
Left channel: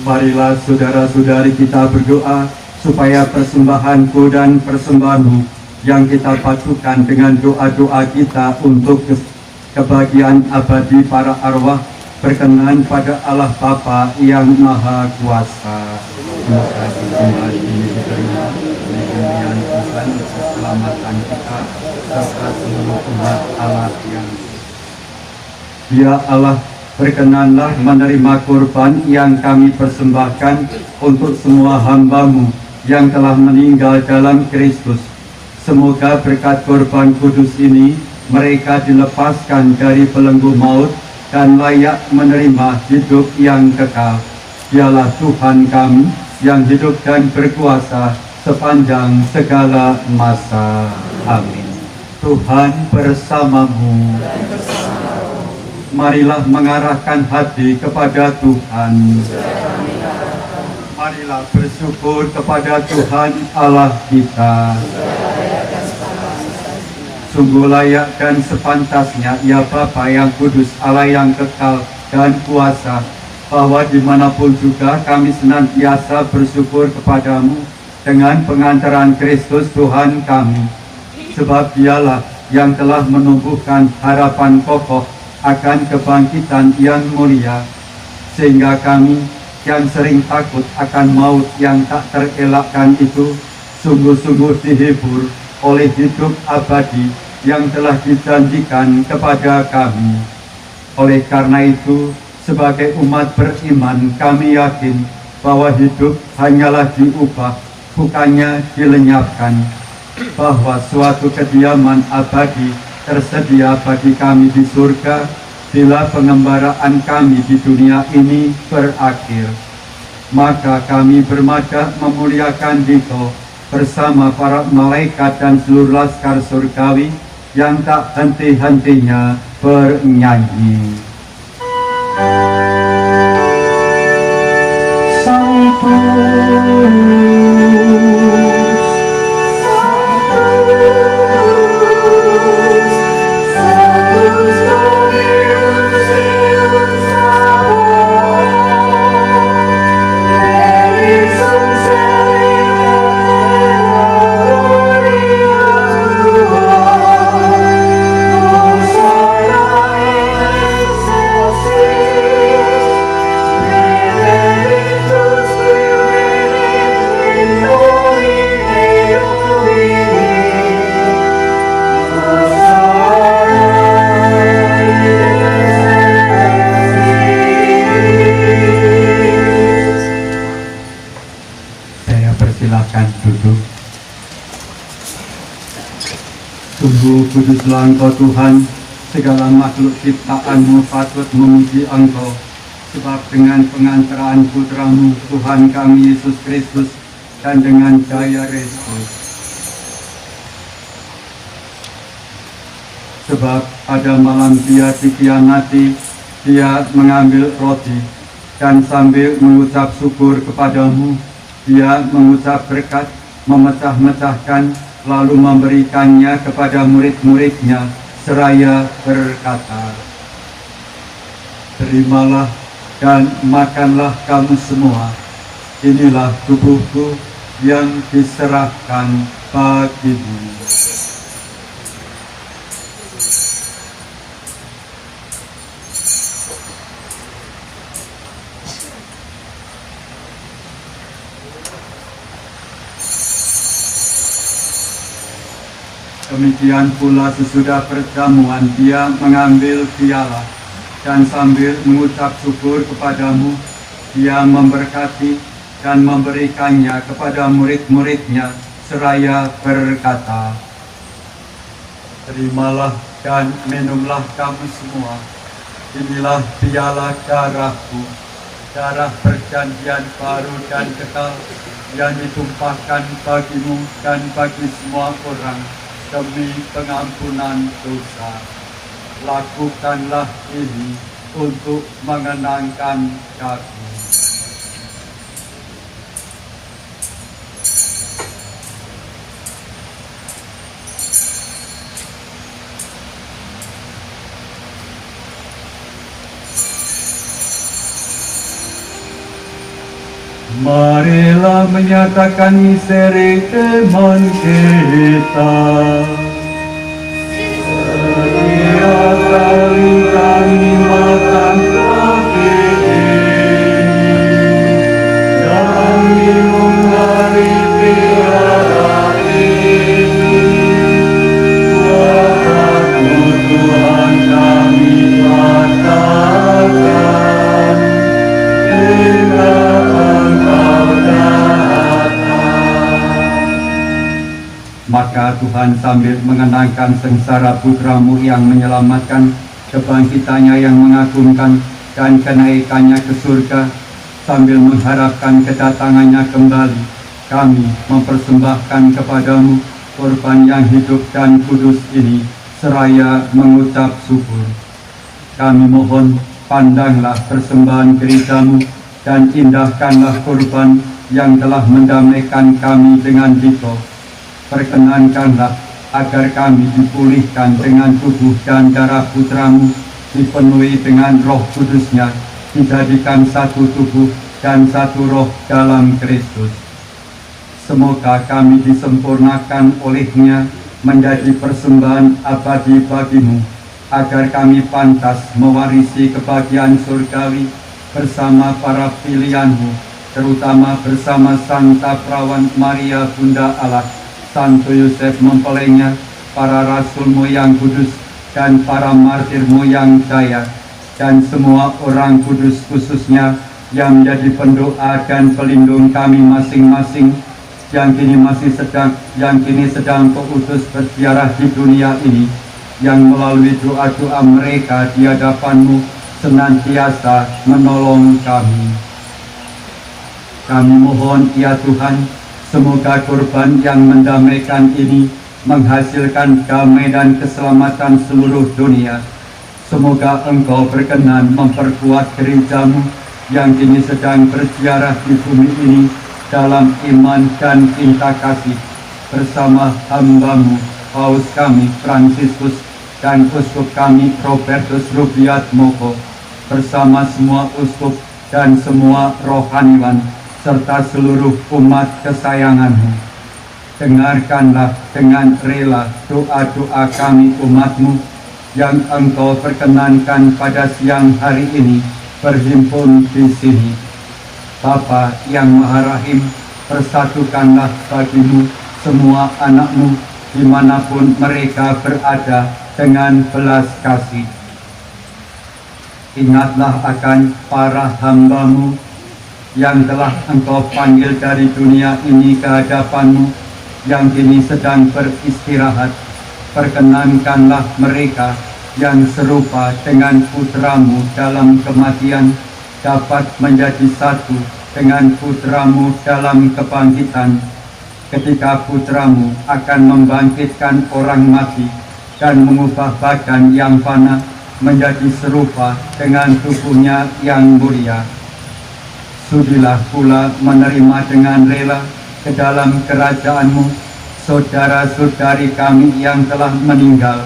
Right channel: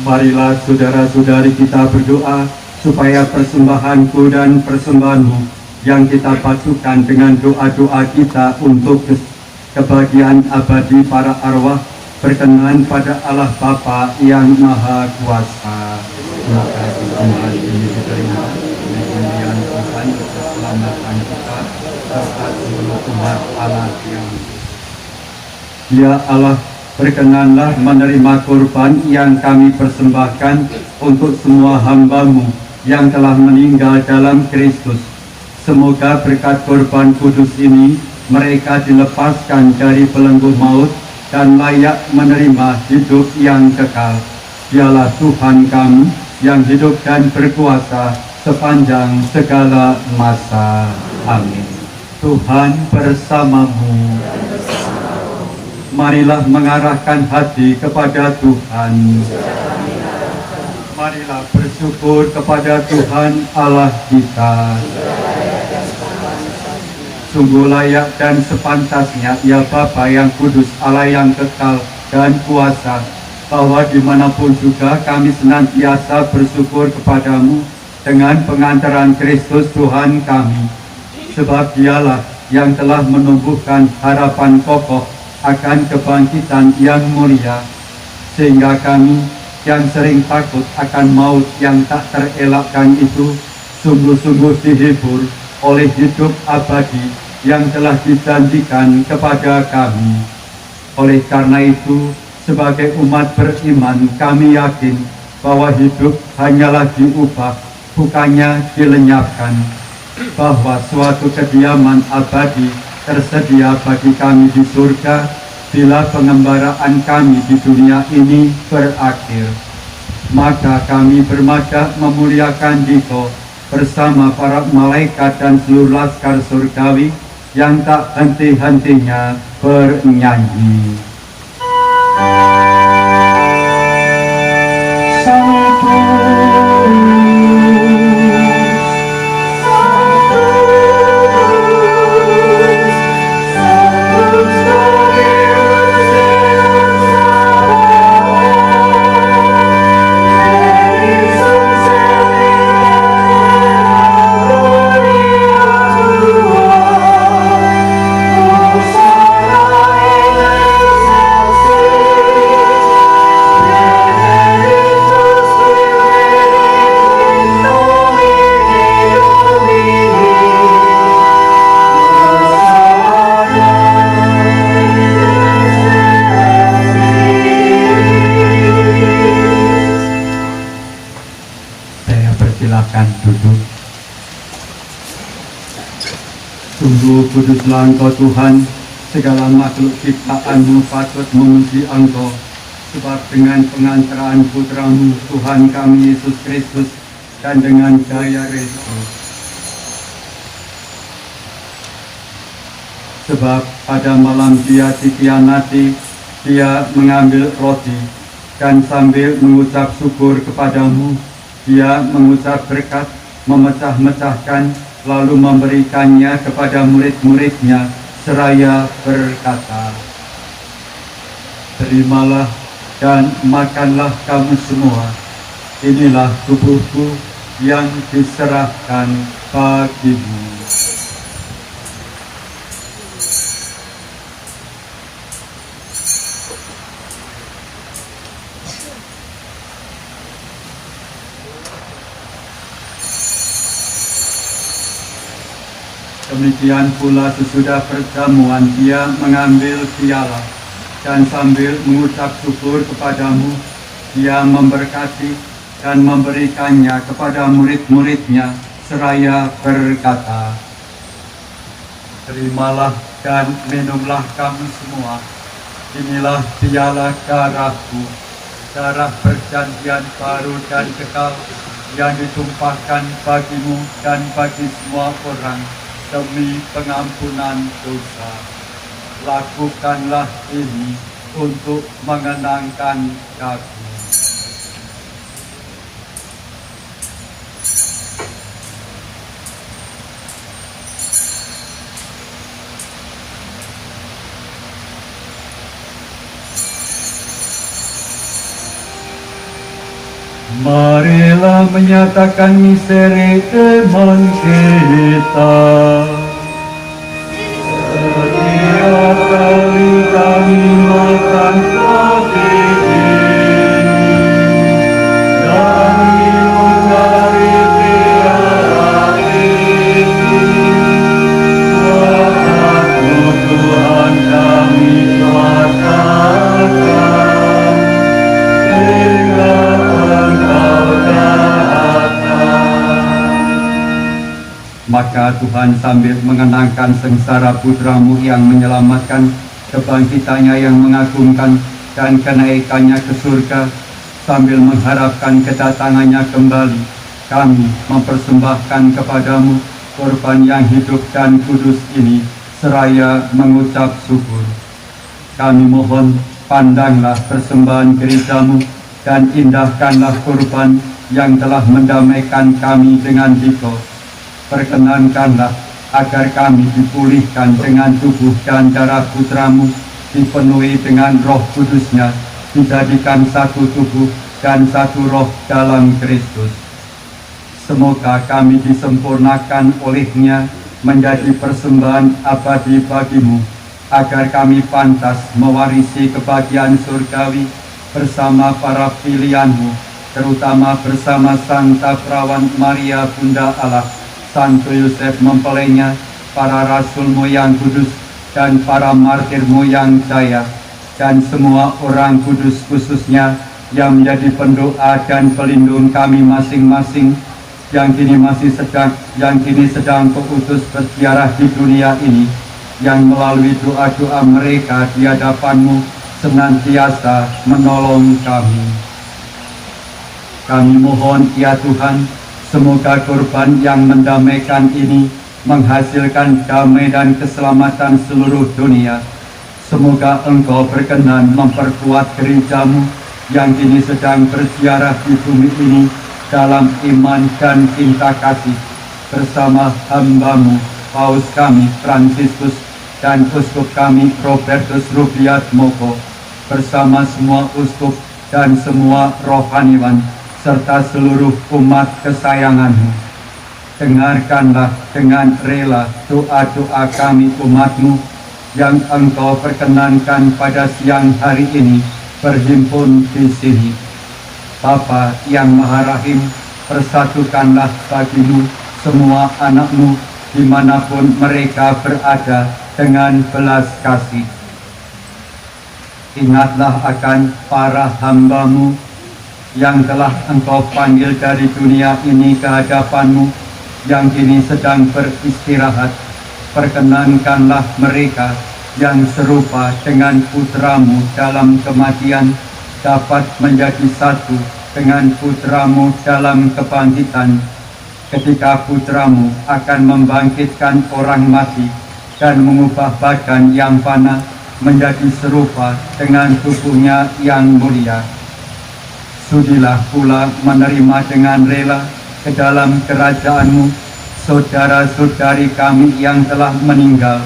Marilah saudara-saudari kita berdoa supaya persembahanku dan persembahanmu yang kita padukan dengan doa-doa kita untuk kebahagiaan abadi para arwah berkenan pada Allah Bapa yang Maha Kuasa. Semoga persembahan ini diterima oleh pilihan Tuhan keselamatan kita serta seluruh umat Allah yang Ya Allah, berkenanlah menerima korban yang kami persembahkan untuk semua hamba-Mu yang telah meninggal dalam Kristus. Semoga berkat korban kudus ini mereka dilepaskan dari belenggu maut dan layak menerima hidup yang kekal. Dialah Tuhan kami yang hidup dan berkuasa sepanjang segala masa. Amin. Tuhan bersamamu. Marilah mengarahkan hati kepada Tuhan. Marilah bersyukur kepada Tuhan Allah kita. Sungguh layak dan sepantasnya, ya Bapa yang kudus, Allah yang kekal dan kuasa, bahwa dimanapun juga kami senantiasa bersyukur kepadamu dengan pengantaran Kristus Tuhan kami. Sebab Dialah yang telah menumbuhkan harapan kokoh akan kebangkitan yang mulia, sehingga kami yang sering takut akan maut yang tak terelakkan itu sungguh-sungguh dihibur oleh hidup abadi yang telah dijanjikan kepada kami. Oleh karena itu, sebagai umat beriman, kami yakin bahwa hidup hanyalah diubah, bukannya dilenyapkan, bahwa suatu kediaman abadi tersedia bagi kami di surga bila pengembaraan kami di dunia ini berakhir. Maka kami bermadah memuliakan Dikau bersama para malaikat dan seluruh laskar surgawi yang tak henti-hentinya bernyanyi. Sungguh kuduslah Engkau Tuhan, segala makhluk ciptaan-Mu patut memuji Engkau, sebab dengan pengantaraan Putra-Mu Tuhan kami Yesus Kristus dan dengan daya Kristus sebab pada malam dia dikhianati, dia mengambil roti, dan sambil mengucap syukur kepadamu, dia mengucap berkat, memecah-mecahkan, lalu memberikannya kepada murid-muridnya, seraya berkata, "Terimalah dan makanlah kamu semua, inilah tubuhku yang diserahkan bagimu." Demikian pula sesudah perjamuan dia mengambil piala, dan sambil mengucap syukur kepadamu, dia memberkati dan memberikannya kepada murid-muridnya, seraya berkata, "Terimalah dan minumlah kamu semua, inilah piala darahku, darah perjanjian baru dan kekal, yang ditumpahkan bagimu dan bagi semua orang, demi pengampunan dosa. Lakukanlah ini untuk mengenangkan aku." Marilah menyatakan misteri iman kita. Setiap kali kami makan roti ini dan minum dari piala ini, wahyu Tuhan kami katakan hingga Maka Tuhan sambil mengenangkan sengsara putramu yang menyelamatkan, kebangkitannya yang mengagumkan, dan kenaikannya ke surga, sambil mengharapkan kedatangannya kembali, kami mempersembahkan kepadamu korban yang hidup dan kudus ini, seraya mengucap syukur. Kami mohon, pandanglah persembahan gerejamu, dan indahkanlah korban yang telah mendamaikan kami dengan Dito. Perkenankanlah agar kami dipulihkan dengan tubuh dan darah putramu, dipenuhi dengan roh kudusnya, dijadikan satu tubuh dan satu roh dalam Kristus. Semoga kami disempurnakan olehnya menjadi persembahan abadi bagimu, agar kami pantas mewarisi kebahagiaan surgawi bersama para pilihanmu, terutama bersama Santa Perawan Maria Bunda Allah, Santo Yosef mempelainya, para rasulmu yang kudus, dan para martirmu yang jaya, dan semua orang kudus khususnya yang menjadi pendoa dan pelindung kami masing-masing, yang kini sedang keutus berziarah di dunia ini, yang melalui doa-doa mereka di hadapanmu senantiasa menolong kami. Kami mohon ya Tuhan, semoga korban yang mendamaikan ini menghasilkan damai dan keselamatan seluruh dunia. Semoga Engkau berkenan memperkuat gerejamu yang kini sedang berziarah di bumi ini dalam iman dan cinta kasih, bersama hamba-Mu, Paus kami Fransiskus, dan Uskup kami Robertus Rubiat Moko, bersama semua uskup dan semua rohaniwan, serta seluruh umat kesayangan-Mu. Dengarkanlah dengan rela doa-doa kami umat-Mu yang Engkau perkenankan pada siang hari ini berhimpun di sini. Bapa yang Maha Rahim, persatukanlah bagimu semua anak-Mu dimanapun mereka berada dengan belas kasih. Ingatlah akan para hamba-Mu yang telah Engkau panggil dari dunia ini ke hadapan-Mu, yang kini sedang beristirahat. Perkenankanlah mereka yang serupa dengan putra-Mu dalam kematian, dapat menjadi satu dengan putra-Mu dalam kebangkitan, ketika putra-Mu akan membangkitkan orang mati dan mengubah badan yang fana menjadi serupa dengan tubuhnya yang mulia. Sudilah pula menerima dengan rela ke dalam kerajaan-Mu saudara-saudari kami yang telah meninggal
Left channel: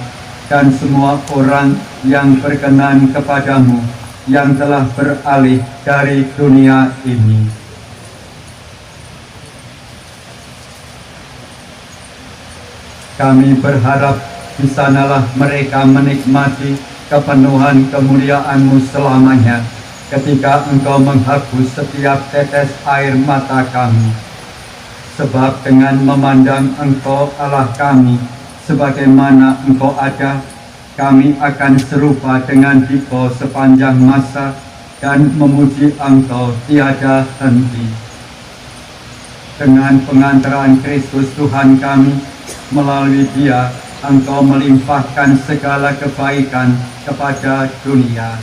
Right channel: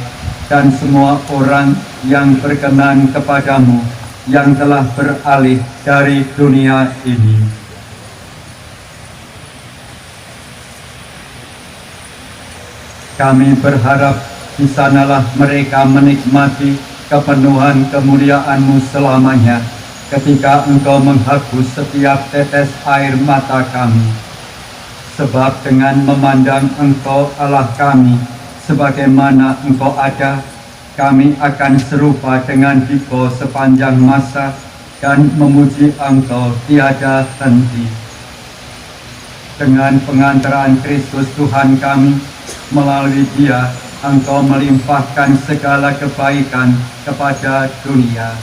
dan semua orang yang berkenan kepadamu yang telah beralih dari dunia ini. Kami berharap di sanalah mereka menikmati kepenuhan kemuliaan-Mu selamanya ketika Engkau menghapus setiap tetes air mata kami. Sebab dengan memandang Engkau Allah kami sebagaimana Engkau ada, kami akan serupa dengan Diko sepanjang masa dan memuji Engkau tiada henti. Dengan pengantaran Kristus Tuhan kami, melalui Dia Engkau melimpahkan segala kebaikan kepada dunia.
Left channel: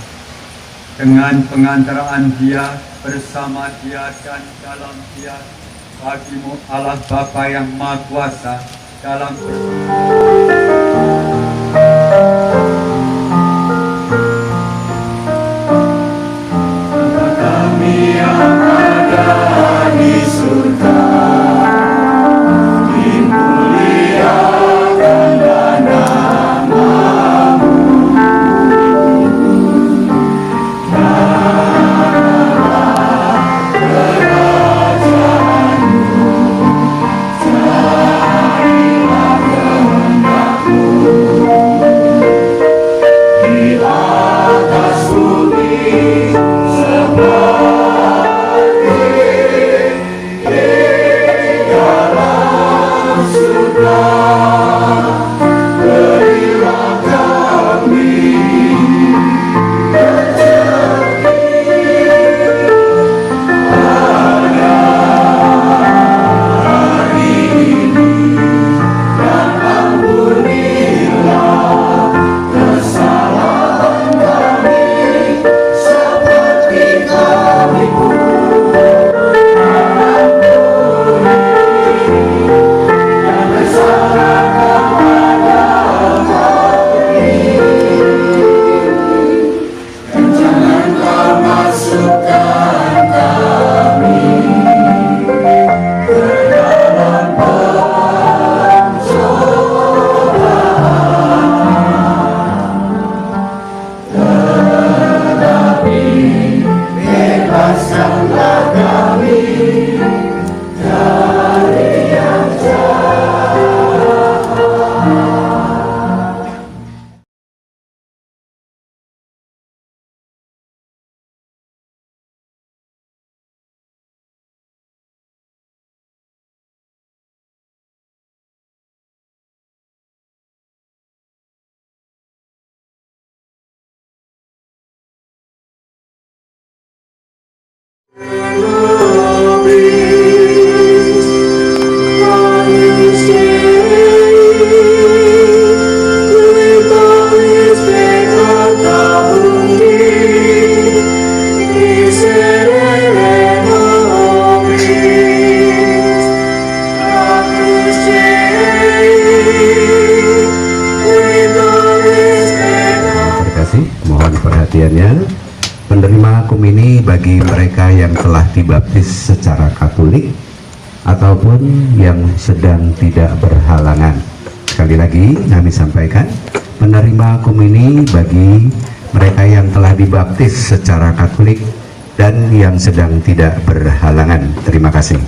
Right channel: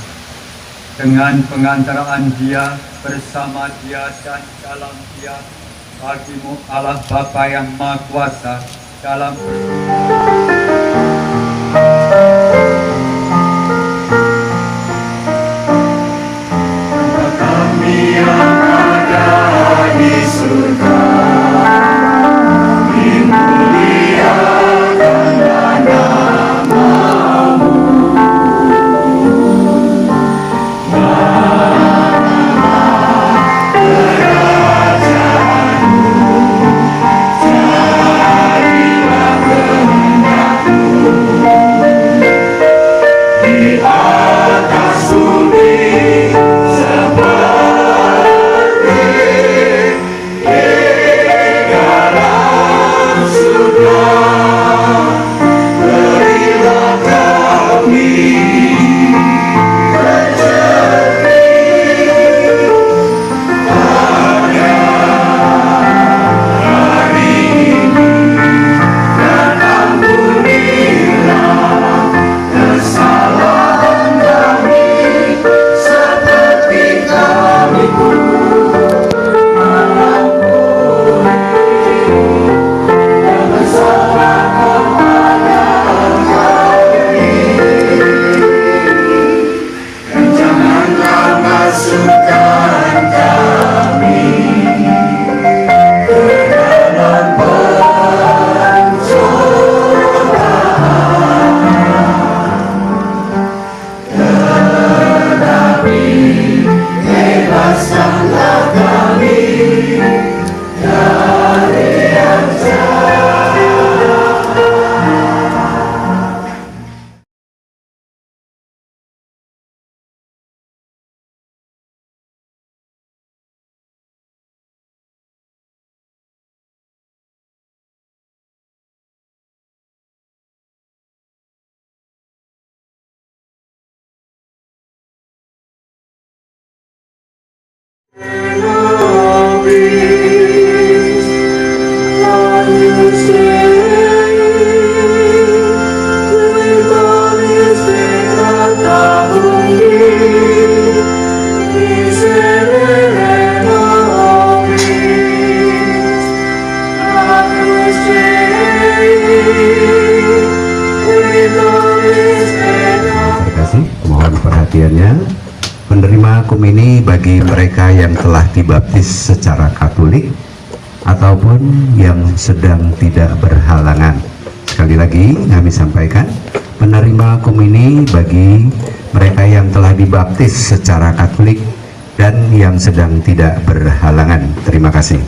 Dengan pengantaraan Dia, bersama Dia dan dalam Dia, bagi-Mu Allah Bapa yang Maha Kuasa dalam kami yang ada di surga, dimuliakanlah nama-Mu, datanglah kerajaan-Mu, jadilah kehendak-Mu di atas bumi seperti di dalam surga. Berilah kami rezeki pada hari ini, dan ampunilah kesalahan kami seperti kami pun mengampuni yang bersalah kepada kami. Dan janganlah masukkan kami ke dalam tetapi bebaskanlah kami dari yang jahat. Mohon perhatiannya. Menerima komini bagi mereka yang telah dibaptis secara Katolik ataupun yang sedang tidak berhalangan. Sekali lagi kami sampaikan, menerima komini bagi mereka yang telah dibaptis secara Katolik dan yang sedang tidak berhalangan. Terima kasih.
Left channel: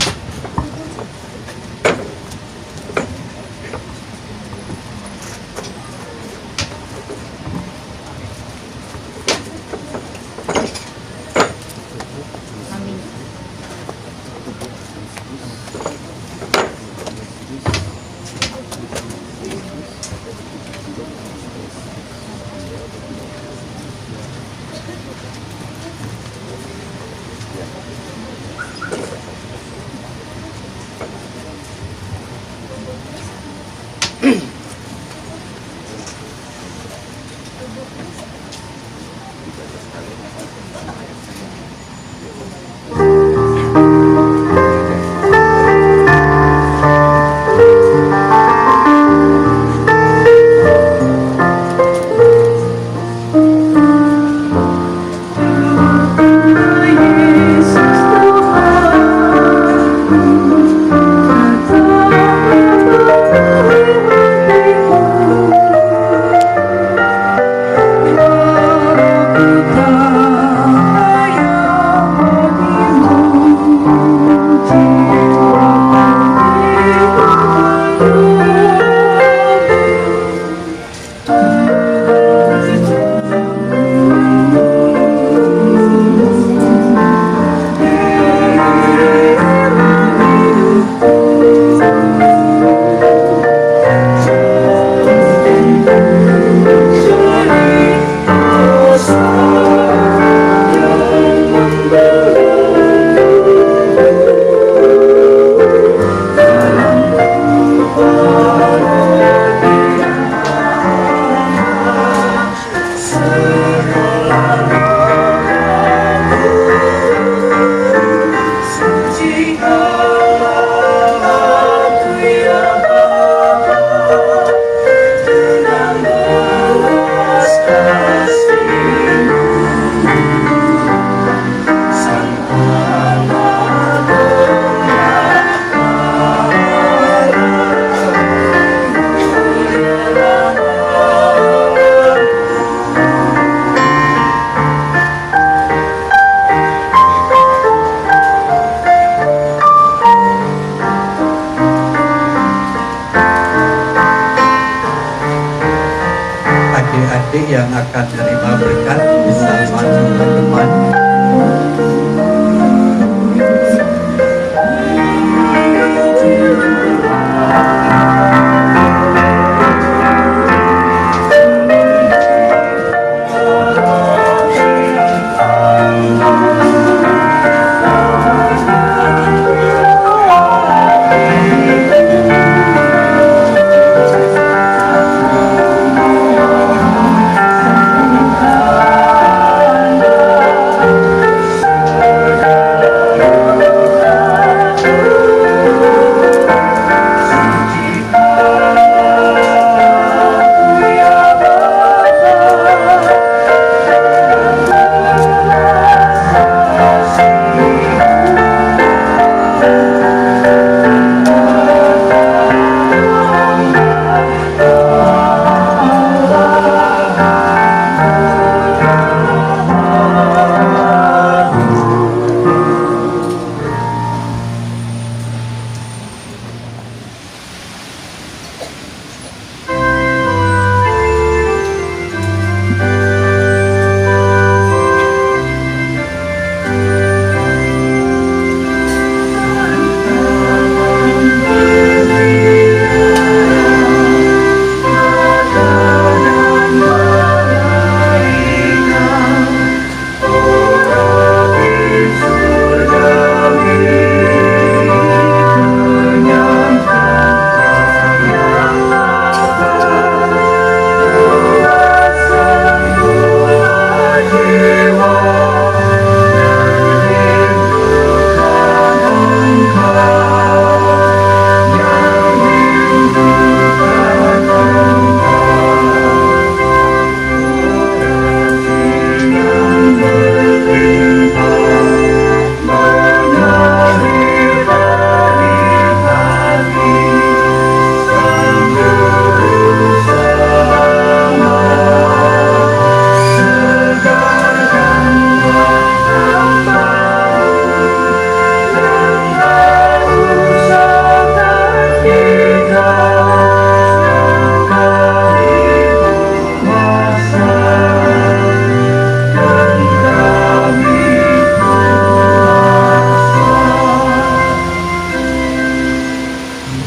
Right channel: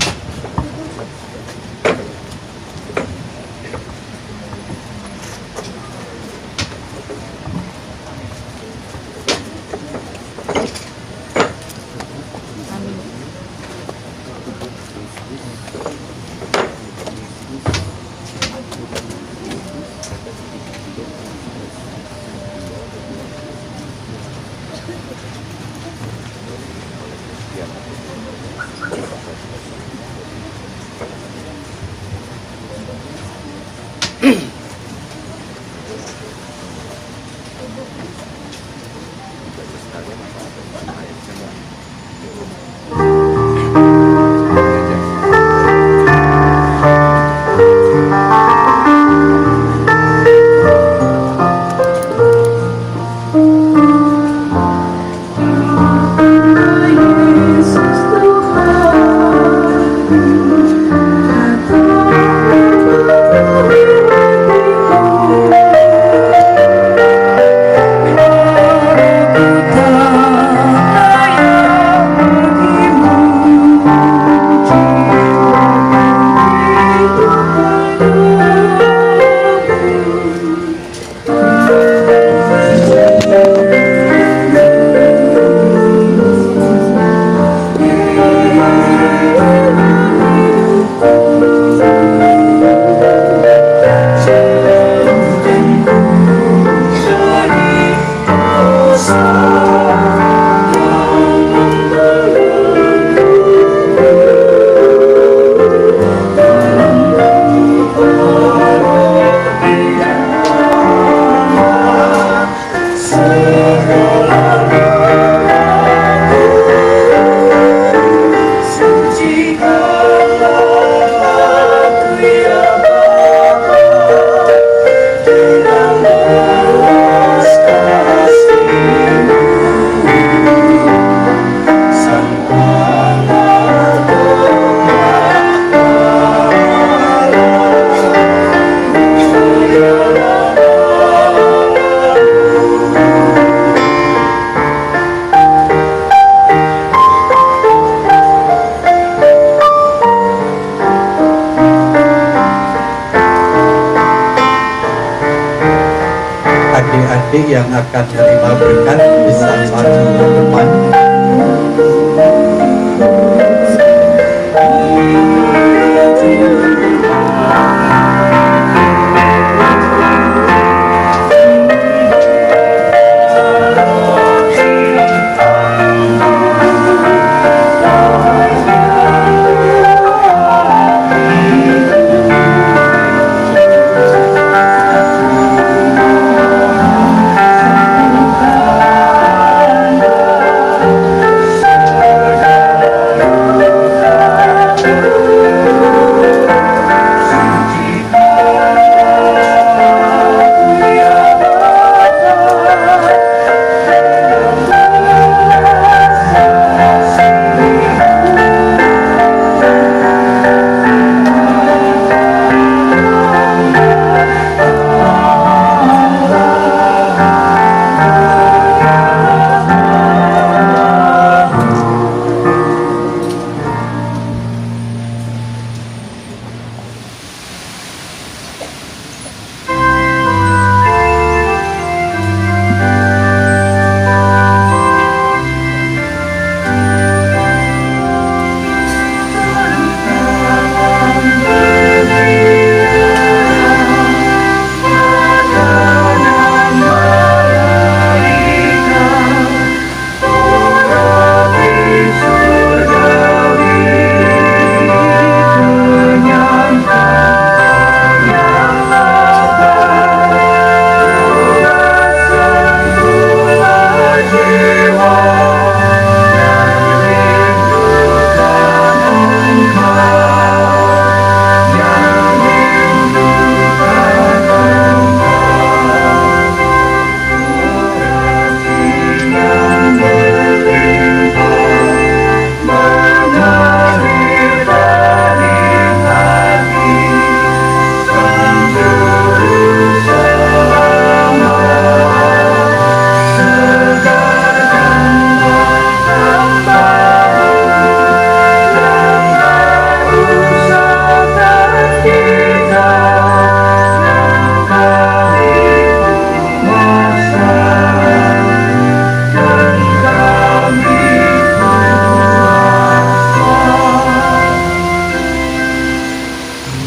yang akan menerima berkat bisa maju ke depan.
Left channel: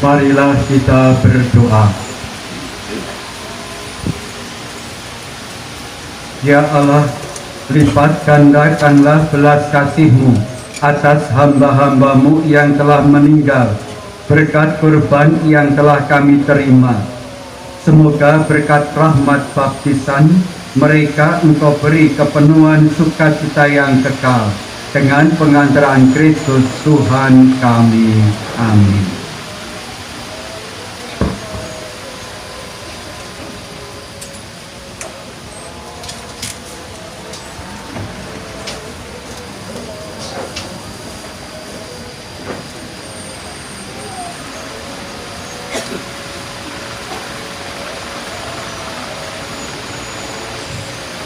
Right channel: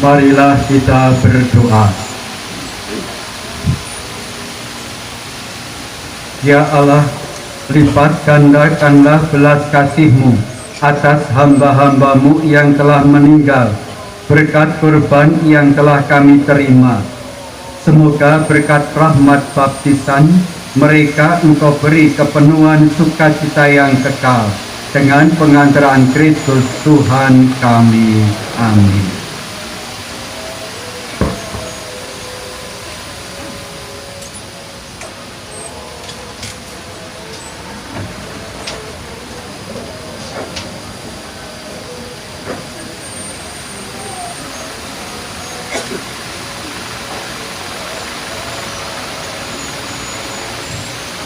Marilah kita berdoa. Ya Allah, lipat gandakanlah belas kasih-Mu atas hamba-hamba-Mu yang telah meninggal, berkat kurban yang telah kami terima. Semoga berkat rahmat baptisan mereka Engkau beri kepenuhan sukacita yang kekal dengan pengantaran Kristus Tuhan kami. Amin.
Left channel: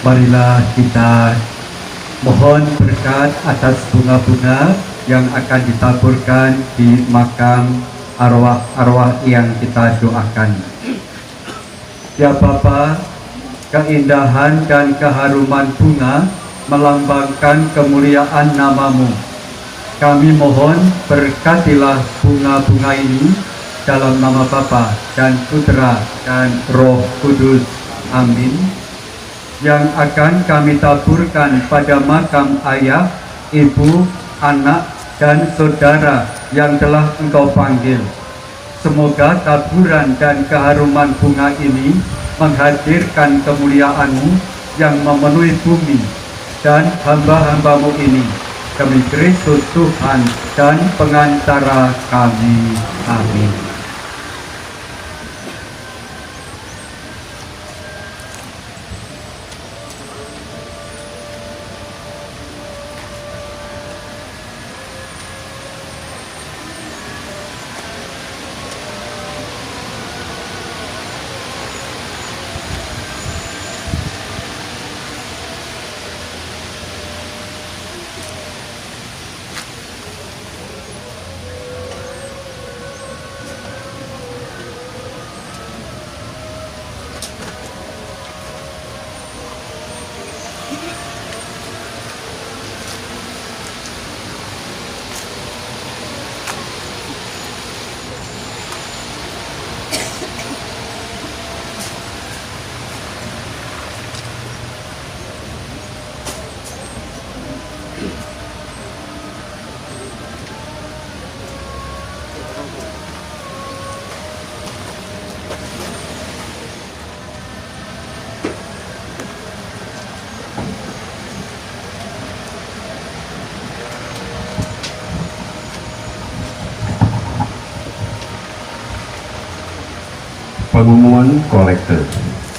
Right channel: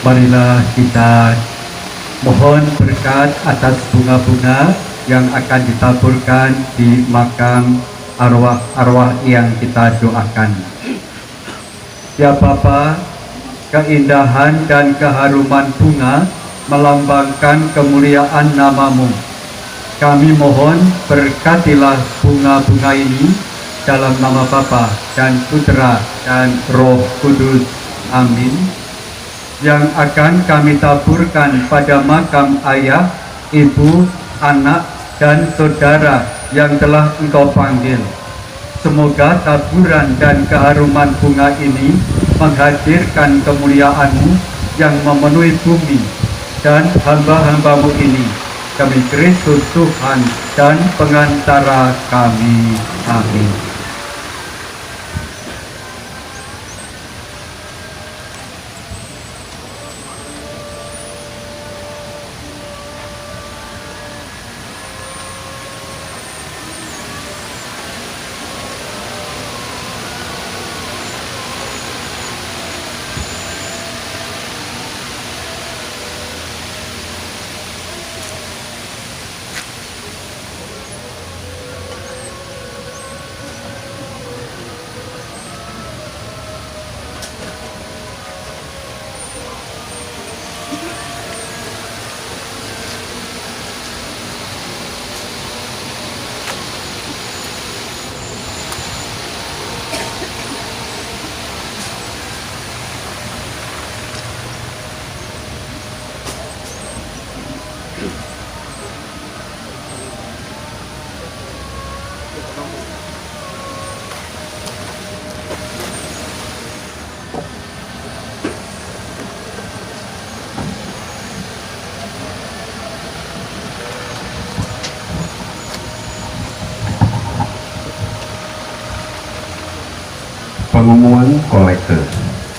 Marilah kita mohon berkat atas bunga-bunga yang akan ditaburkan di makam arwah-arwah yang kita doakan. Ya Bapa, keindahan dan keharuman bunga melambangkan kemuliaan nama-Mu. Kami mohon berkatilah bunga-bunga ini dalam nama Bapa dan Putra dan Roh Kudus. Amin. Yang akan kami taburkan pada makam ayah, ibu, anak, dan saudara yang telah Engkau panggil. Semoga taburan dan keharuman bunga ini menghadirkan kemuliaan-Mu yang memenuhi bumi dan hamba-hamba-Mu ini, demi Kristus Tuhan dan pengantara kami. Amin. Pengumuman kolekte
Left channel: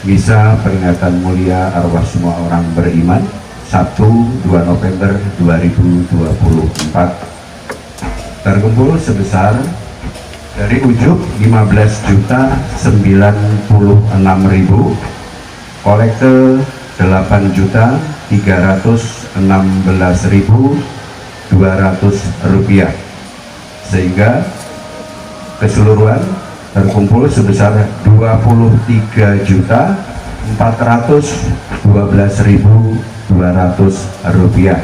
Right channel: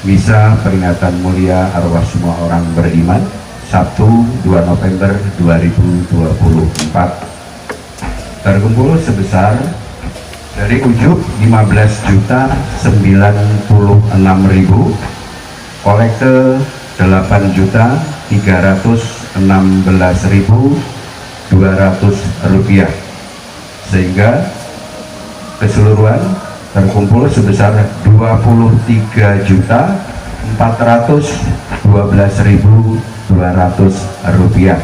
misa peringatan mulia arwah semua orang beriman Sabtu 2 November 2024 terkumpul sebesar dari ujub 15.096.000, kolekte 8.316.200 rupiah, sehingga keseluruhan terkumpul sebesar 23.412.200 rupiah.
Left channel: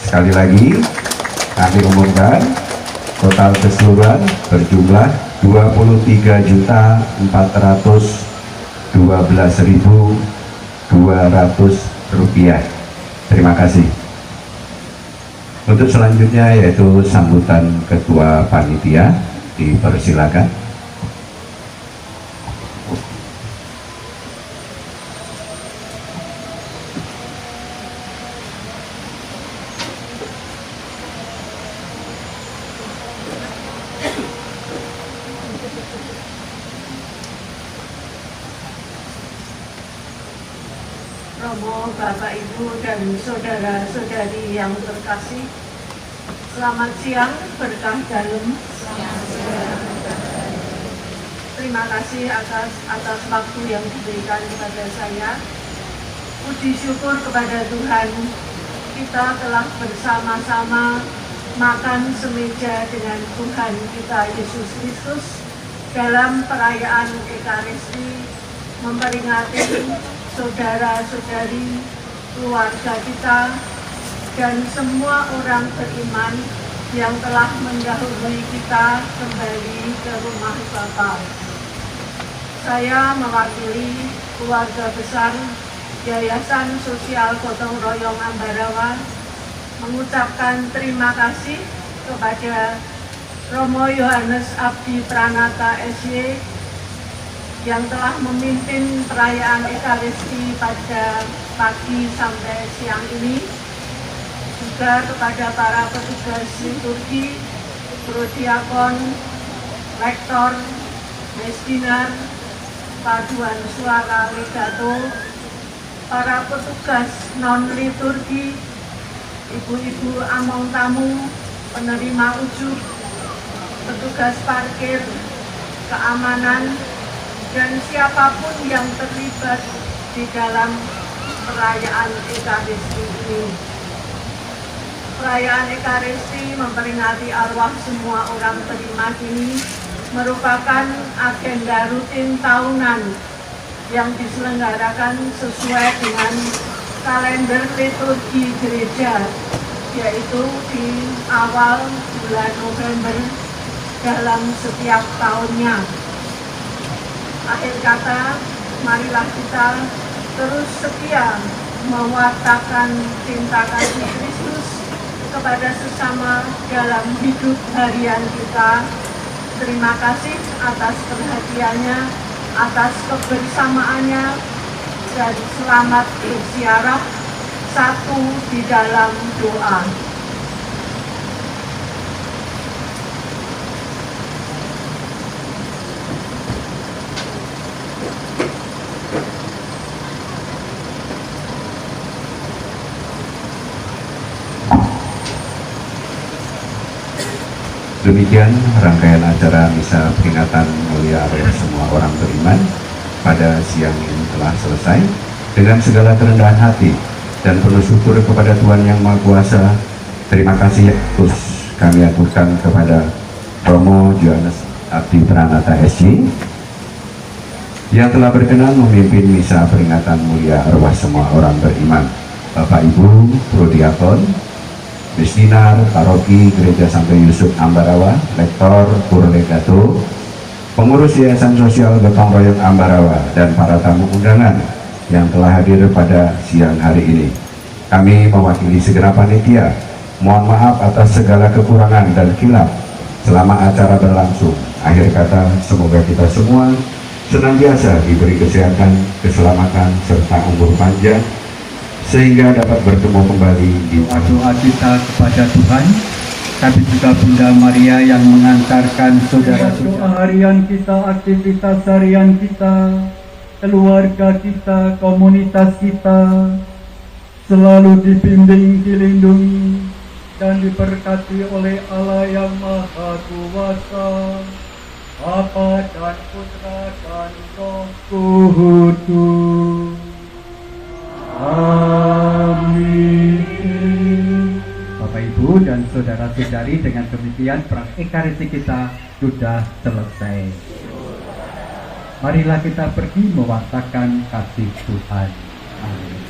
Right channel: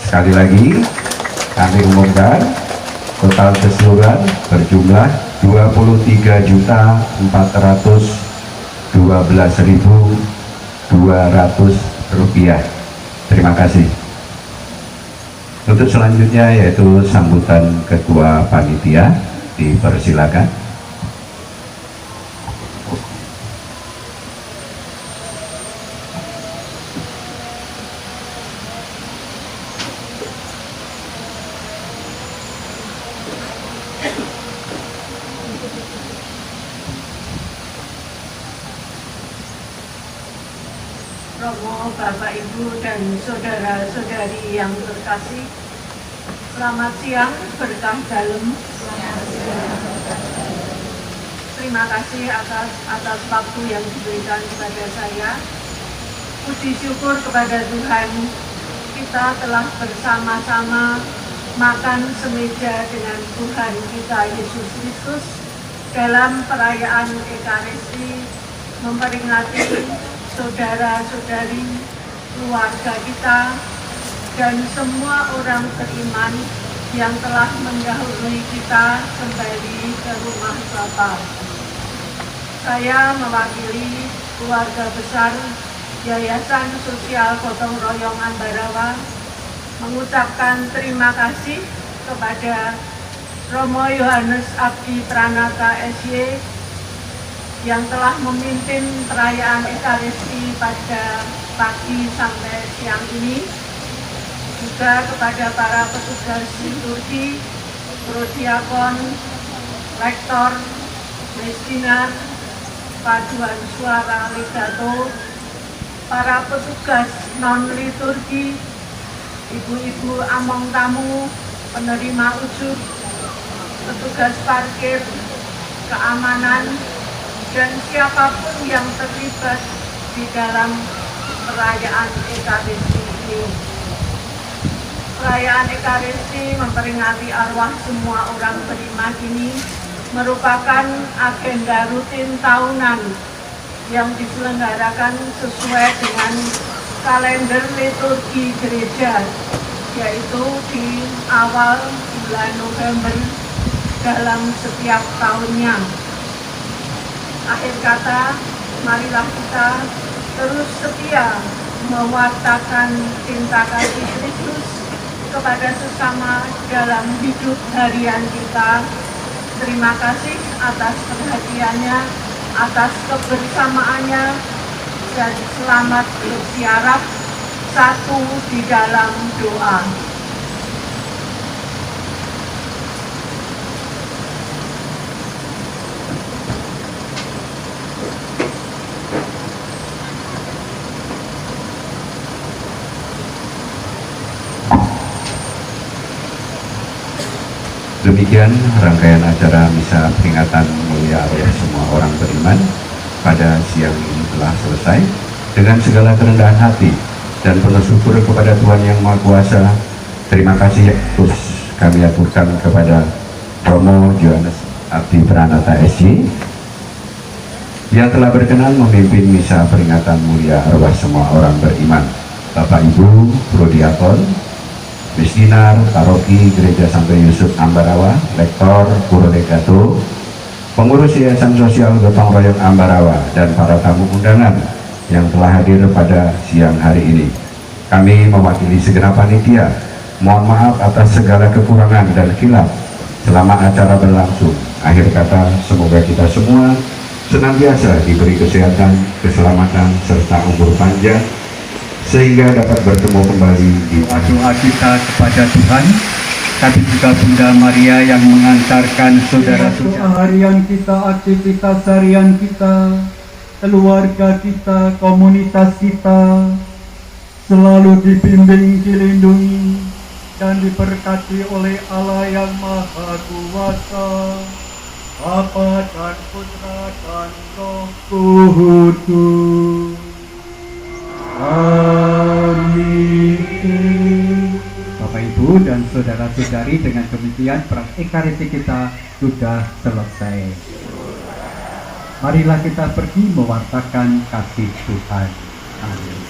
Sekali lagi kami umumkan total keseluruhan berjumlah 23.412.200 rupiah. Terima kasih. Untuk selanjutnya yaitu sambutan Ketua Panitia, dipersilakan. Romo, Bapak, Ibu, dan saudara-saudari yang terkasih, selamat siang, berkah dalam. Terima kasih atas waktu yang diberikan kepada saya. Puji syukur kepada Tuhan, kita telah bersama-sama makan semeja dengan Tuhan kita Yesus Kristus dalam perayaan Ekaristi, memperingati saudara-saudari, keluarga kita, dan semua orang beriman yang telah mendahului kita kembali ke rumah Bapa. Saya mewakili keluarga besar Yayasan Sosial Gotong Royong Ambarawa mengucapkan terima kasih kepada Romo Yohanes Abdi Pranata SY yang telah memimpin perayaan Ekaristi pada pagi sampai siang ini, juga kepada para petugas liturgi, prodiakon, rektor, mesdinar, paduan suara legato, para petugas non-liturgi, ibu-ibu among tamu, penerima ujub, petugas parkir, keamanan, dan siapapun yang terlibat di dalam perayaan Ekaristi ini. Perayaan Ekaristi memperingati arwah semua orang beriman ini merupakan agenda rutin tahunan yang diselenggarakan sesuai dengan kalender liturgi gereja, yaitu di awal bulan November dalam setiap tahunnya. Akhir kata, marilah kita terus setia mewartakan cinta kasih Kristus kepada sesama dalam hidup harian kita. Terima kasih atas perhatiannya, atas kebersamaannya, dan selamat berziarah satu di dalam doa. Demikian rangkaian acara misa peringatan mulia arwah semua orang beriman pada siang ini telah selesai. Dengan segala kerendahan hati dan penuh syukur kepada Tuhan Yang Maha Kuasa, terima kasih terus kami aturkan kepada Romo Yohanes Abdi Pranata SY yang telah berkenan memimpin misa peringatan mulia arwah semua orang beriman. Bapak Ibu prodiakon, mesdinar paroki Gereja Santo Yusuf Ambarawa, lektor, puro legato, pengurus Yayasan Sosial Gotong Royong Ambarawa, dan para tamu undangan yang telah hadir pada siang hari ini. Kami mewakili segenap panitia, mohon maaf atas segala kekurangan dan khilaf selama acara berlangsung. Akhir kata, semoga kita semua senantiasa diberi kesehatan, keselamatan, serta umur panjang, sehingga dapat bertemu kembali di doa kita kepada Tuhan, tapi juga Bunda Maria yang mengantar biarkan saudara-saudara harian kita, aktivitas harian kita, keluarga kita, komunitas kita selalu dibimbing, dilindungi, dan diberkati oleh Allah yang Maha Kuasa, Bapa dan Putra dan Roh Kudus. Amin. Bapak Ibu dan saudara-saudari, dengan demikian perang ekaristi kita sudah selesai. Marilah kita pergi mewartakan kasih Tuhan. Amin.